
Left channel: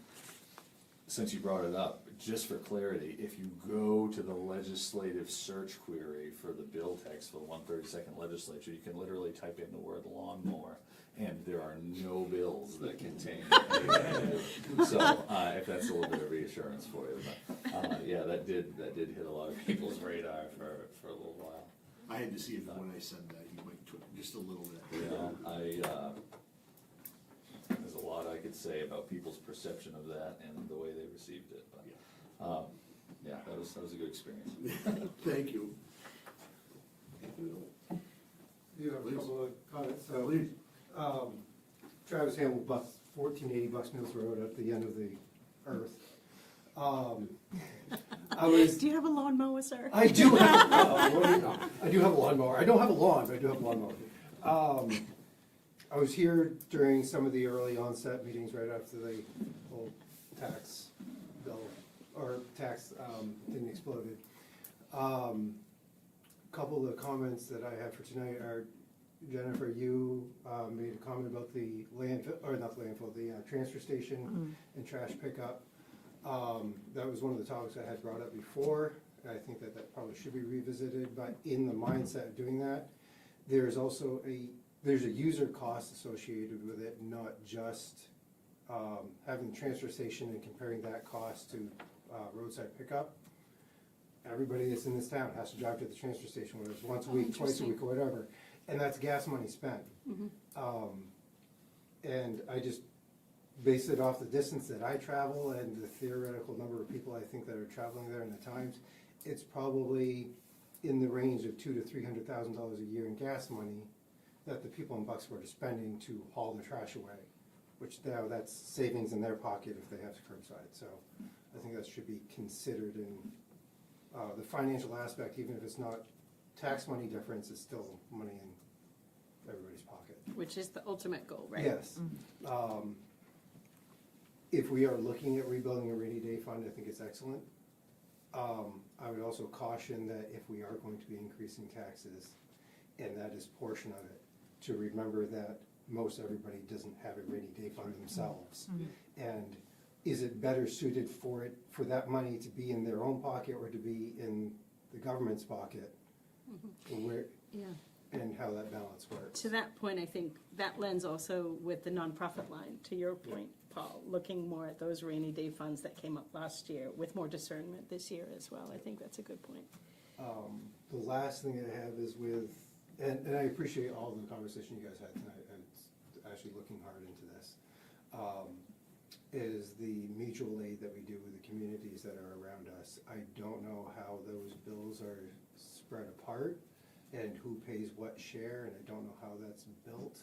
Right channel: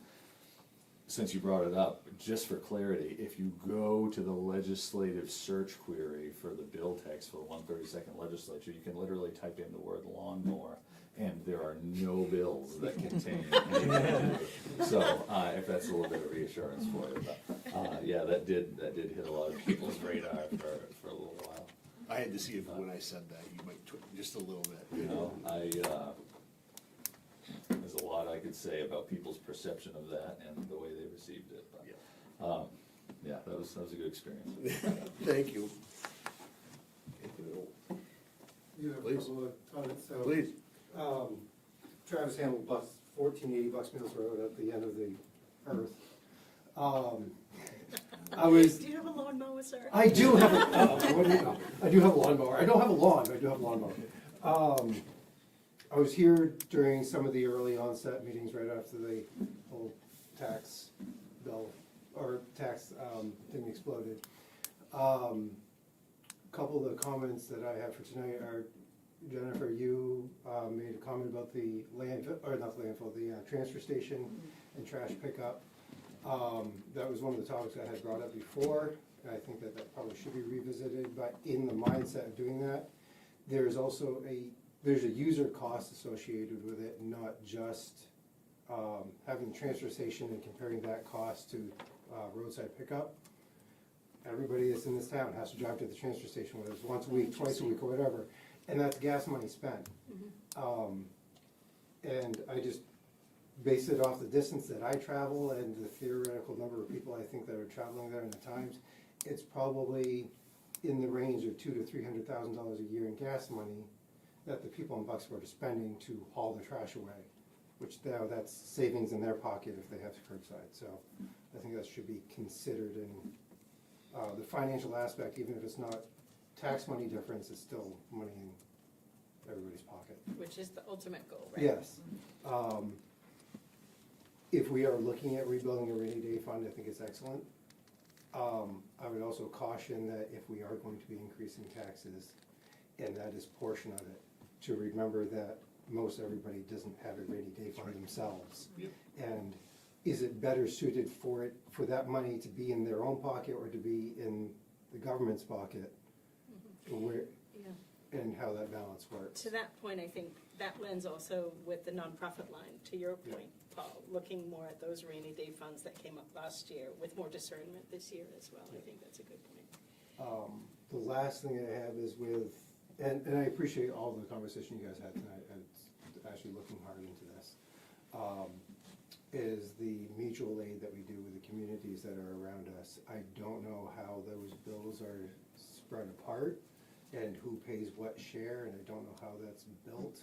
since you brought it up, just for clarity, if you go to the legislative search query for the bill text for the 132nd legislature, you can literally type in the word lawnmower, and there are no bills that contain anything. So if that's a little bit of reassurance for you, but yeah, that did hit a lot of people's radar for a little while. I had to see if when I said that, you might just a little bit. There's a lot I could say about people's perception of that and the way they received it, but yeah, that was a good experience. Thank you. Yeah, a Please. couple of comments. Please. Travis Hamlin, 1480 Bucks Mills Road at the end of the earth. Do you have a lawnmower, sir? I do have. I do have a lawnmower. I don't have a lawn, but I do have a lawnmower. I was here during some of the early onset meetings right after the whole tax bill or tax thing exploded. Couple of the comments that I have for tonight are, Jennifer, you made a comment about the landfill, or not the landfill, the transfer station and trash pickup. That was one of the topics I had brought up before, and I think that that probably should be revisited, but in the mindset of doing that, there's also there's a user cost associated with it, not just having the transfer station and comparing that cost to roadside pickup. Everybody that's in this town has to drive to the transfer station, whether it's once a week, twice a week, or whatever, and that's gas money spent. And I just base it off the distance that I travel and the theoretical number of people I think that are traveling there and the times. It's probably in the range of $200,000 to $300,000 a year in gas money that the people in Bucksport are spending to haul the trash away, which now that's savings in their pocket if they have curbside. So I think that should be considered in the financial aspect, even if it's not tax money difference, it's still money in everybody's pocket. Which is the ultimate goal, right? Yes. If we are looking at rebuilding a rainy day fund, I think it's excellent. I would also caution that if we are going to be increasing taxes, and that is portion of it, to remember that most everybody doesn't have a rainy day fund themselves. And is it better suited for that money to be in their own pocket or to be in the government's pocket? Where, Yeah. and how that balance works. To that point, I think that lends also with the nonprofit line, to your point, Paul, looking more at those rainy day funds that came up last year with more discernment this year as well. I think that's a good point. The last thing I have is with, and I appreciate all the conversation you guys had tonight, and it's actually looking hard into this, is the mutual aid that we do with the communities that are around us. I don't know how those bills are spread apart and who pays what share, and I don't know how that's built.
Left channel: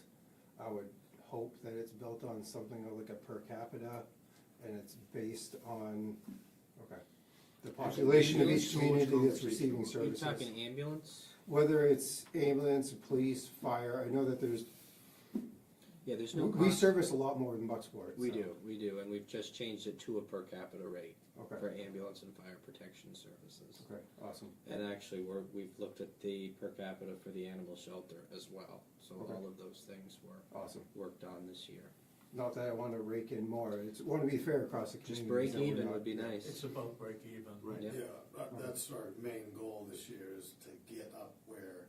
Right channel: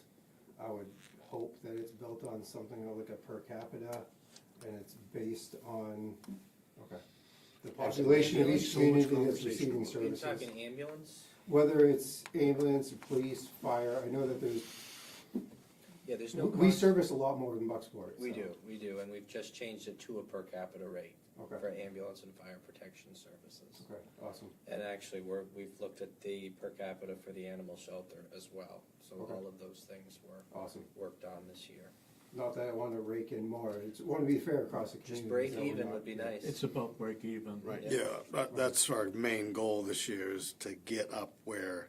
I would hope that it's built on something like a per capita, and it's based on, the population of each community that's receiving Are you services. talking ambulance? Whether it's ambulance, police, fire, I know that Yeah, there's no we cost. service a lot more than Bucksport. We so- do, and we've just changed it to a per capita rate Okay, for ambulance and fire protection services. okay, awesome. And actually, we've looked at the per capita for the animal shelter as well. So Okay. all of those things were Awesome. worked on this year. Not that I want to rake in more, it's, want to be fair across the Just community. break even would be nice. It's about break even. Right. Yeah, that's our main goal this year, is to get up where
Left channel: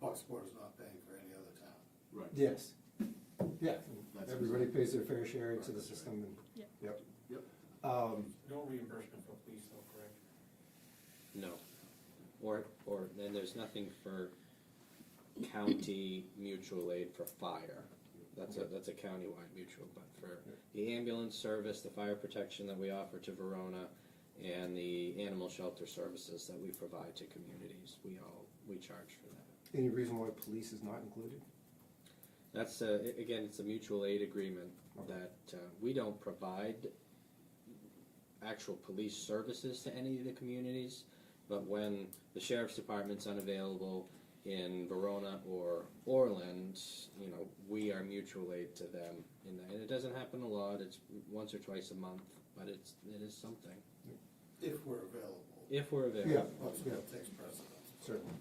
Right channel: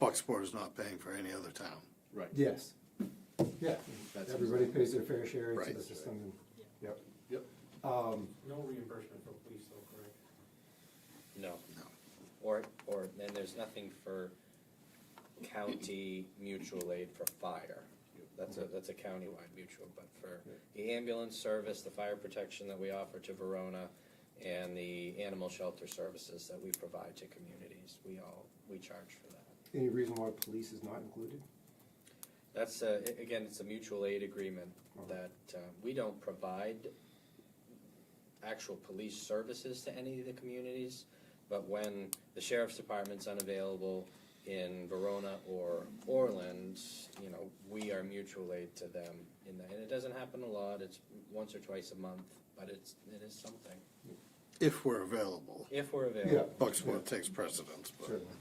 Bucksport is not paying for any other town. Right. Yes, yeah, That's everybody pays their fair share into Right. the system, and, yep. Yep. No reimbursement for police though, correct? No. Or then there's nothing for county mutual aid for fire. That's a countywide mutual, but for the ambulance service, the fire protection that we offer to Verona, and the animal shelter services that we provide to communities, we charge for that. Any reason why police is not included? That's, again, it's a mutual aid agreement that we don't provide actual police services to any of the communities, but when the sheriff's department's unavailable in Verona or Orland, we are mutual aid to them. And it doesn't happen a lot, it's once or twice a month, but it is something, If we're available. if we're available. Yeah. Bucksport takes precedence, but. Certainly.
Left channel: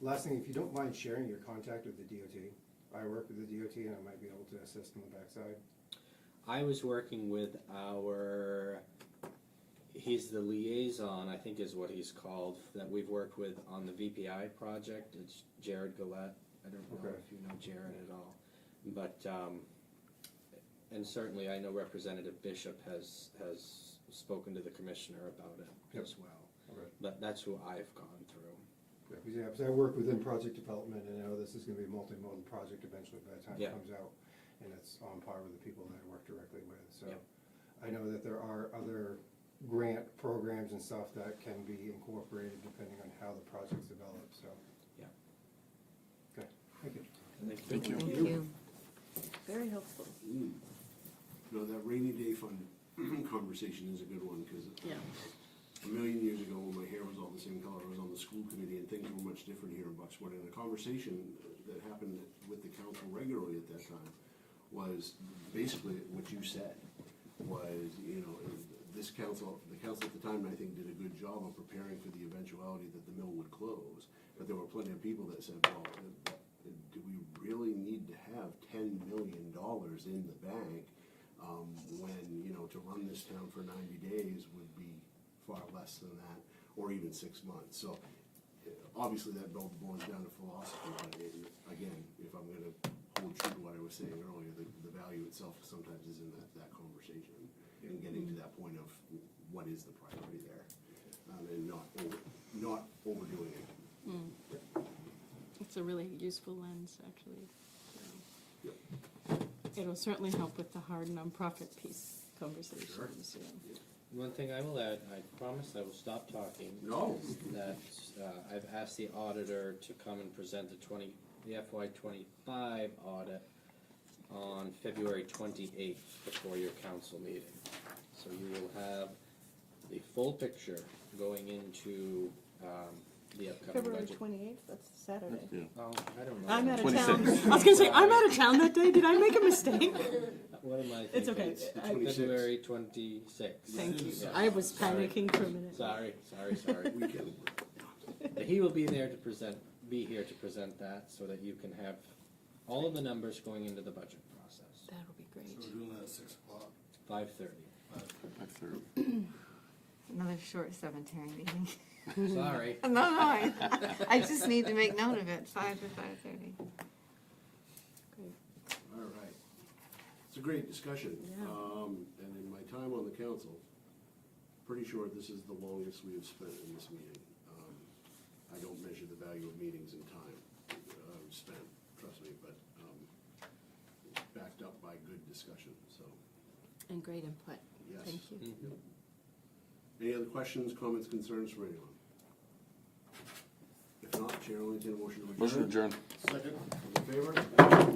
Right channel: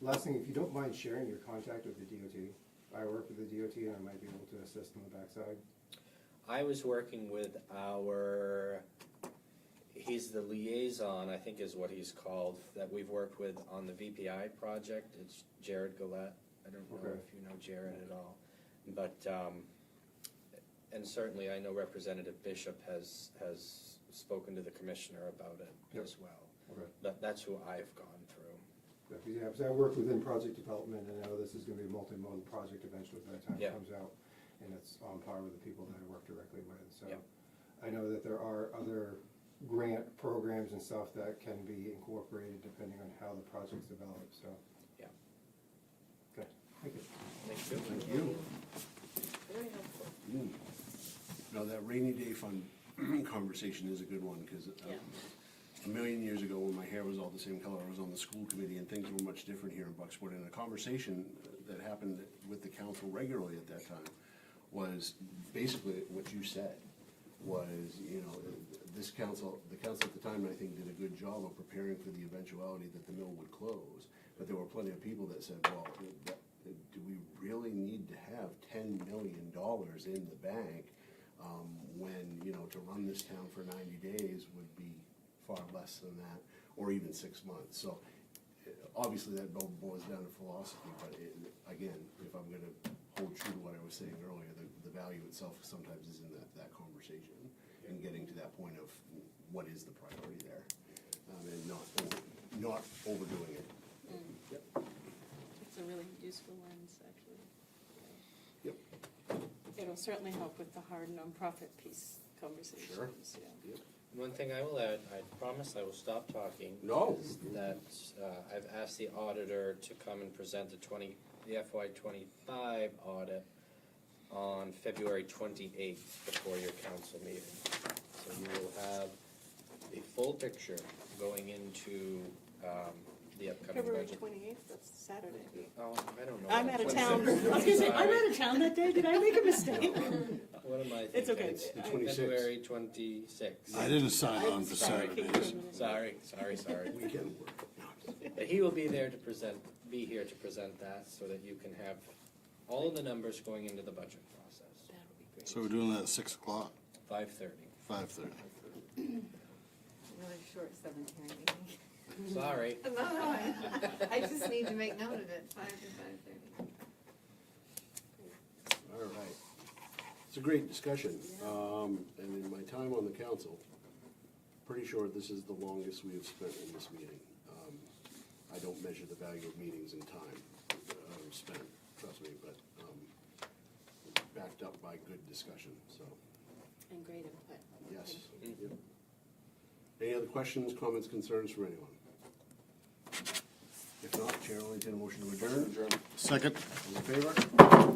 Last thing, if you don't mind sharing your contact with the DOT, I work with the DOT and I might be able to assist on the backside. I was working with he's the liaison, I think is what he's called, that we've worked with on the VPI project. It's Jared Gillette. I don't know Okay. if you know Jared at all. But, and certainly I know Representative Bishop has spoken to the commissioner about it Yep. as well. Okay. But that's who I've gone through. Yeah, because I work within project development, and I know this is gonna be a multimodal project eventually by the time Yeah. it comes out, and it's on par with the people that I work directly with, so. Yep. I know that there are other grant programs and stuff that can be incorporated depending on how the project's developed, so. Yeah. Okay, thank you. Thank you. Very helpful. No, that rainy day fund conversation is a good one, because Yeah. a million years ago, when my hair was all the same color, I was on the school committee, and things were much different here in Bucksport. And a conversation that happened with the council regularly at that time was basically what you said, was, this council, the council at the time, I think, did a good job of preparing for the eventuality that the mill would close. But there were plenty of people that said, well, do we really need to have $10 million in the bank when, to run this town for 90 days would be far less than that, or even 6 months. So obviously that boils down to philosophy, but again, if I'm gonna hold true to what I was saying earlier, the value itself sometimes is in that conversation and getting to that point of what is the priority there, and not overdoing it. It's a really useful lens, actually. Yep. It'll certainly help with the hard nonprofit piece conversations, Sure. yeah. One thing I will add, I promise I will stop talking. No. is that I've asked the auditor to come and present the FY '25 audit on February 28th before your council meeting. So you will have the full picture going into the upcoming February budget. 28th, that's Saturday. Oh, I don't know. I'm out of town. I was gonna say, I'm out of town that day, did I make a mistake? What am I thinking? It's okay. It's the 26th. February 26th. I didn't sign I on was the side. panicking for a minute. Sorry. Weekend. But he will be there to be here to present that, so that you can have all of the numbers going into the budget process. That'll be great. So we're doing that at 6 o'clock, 5:30. 5:30. Another short cemetery meeting. Sorry. No, I just need to make note of it, 5 to 5:30. All right. It's a great discussion. And in my time on the council, pretty sure this is the longest we have spent in this meeting. I don't measure the value of meetings in time spent, trust me, but backed up by good discussion, so, And great input. yes. Thank you. Yep. Any other questions, comments, concerns from anyone? If not, Chair will entertain a motion to adjourn. Motion adjourned. Second. All in favor?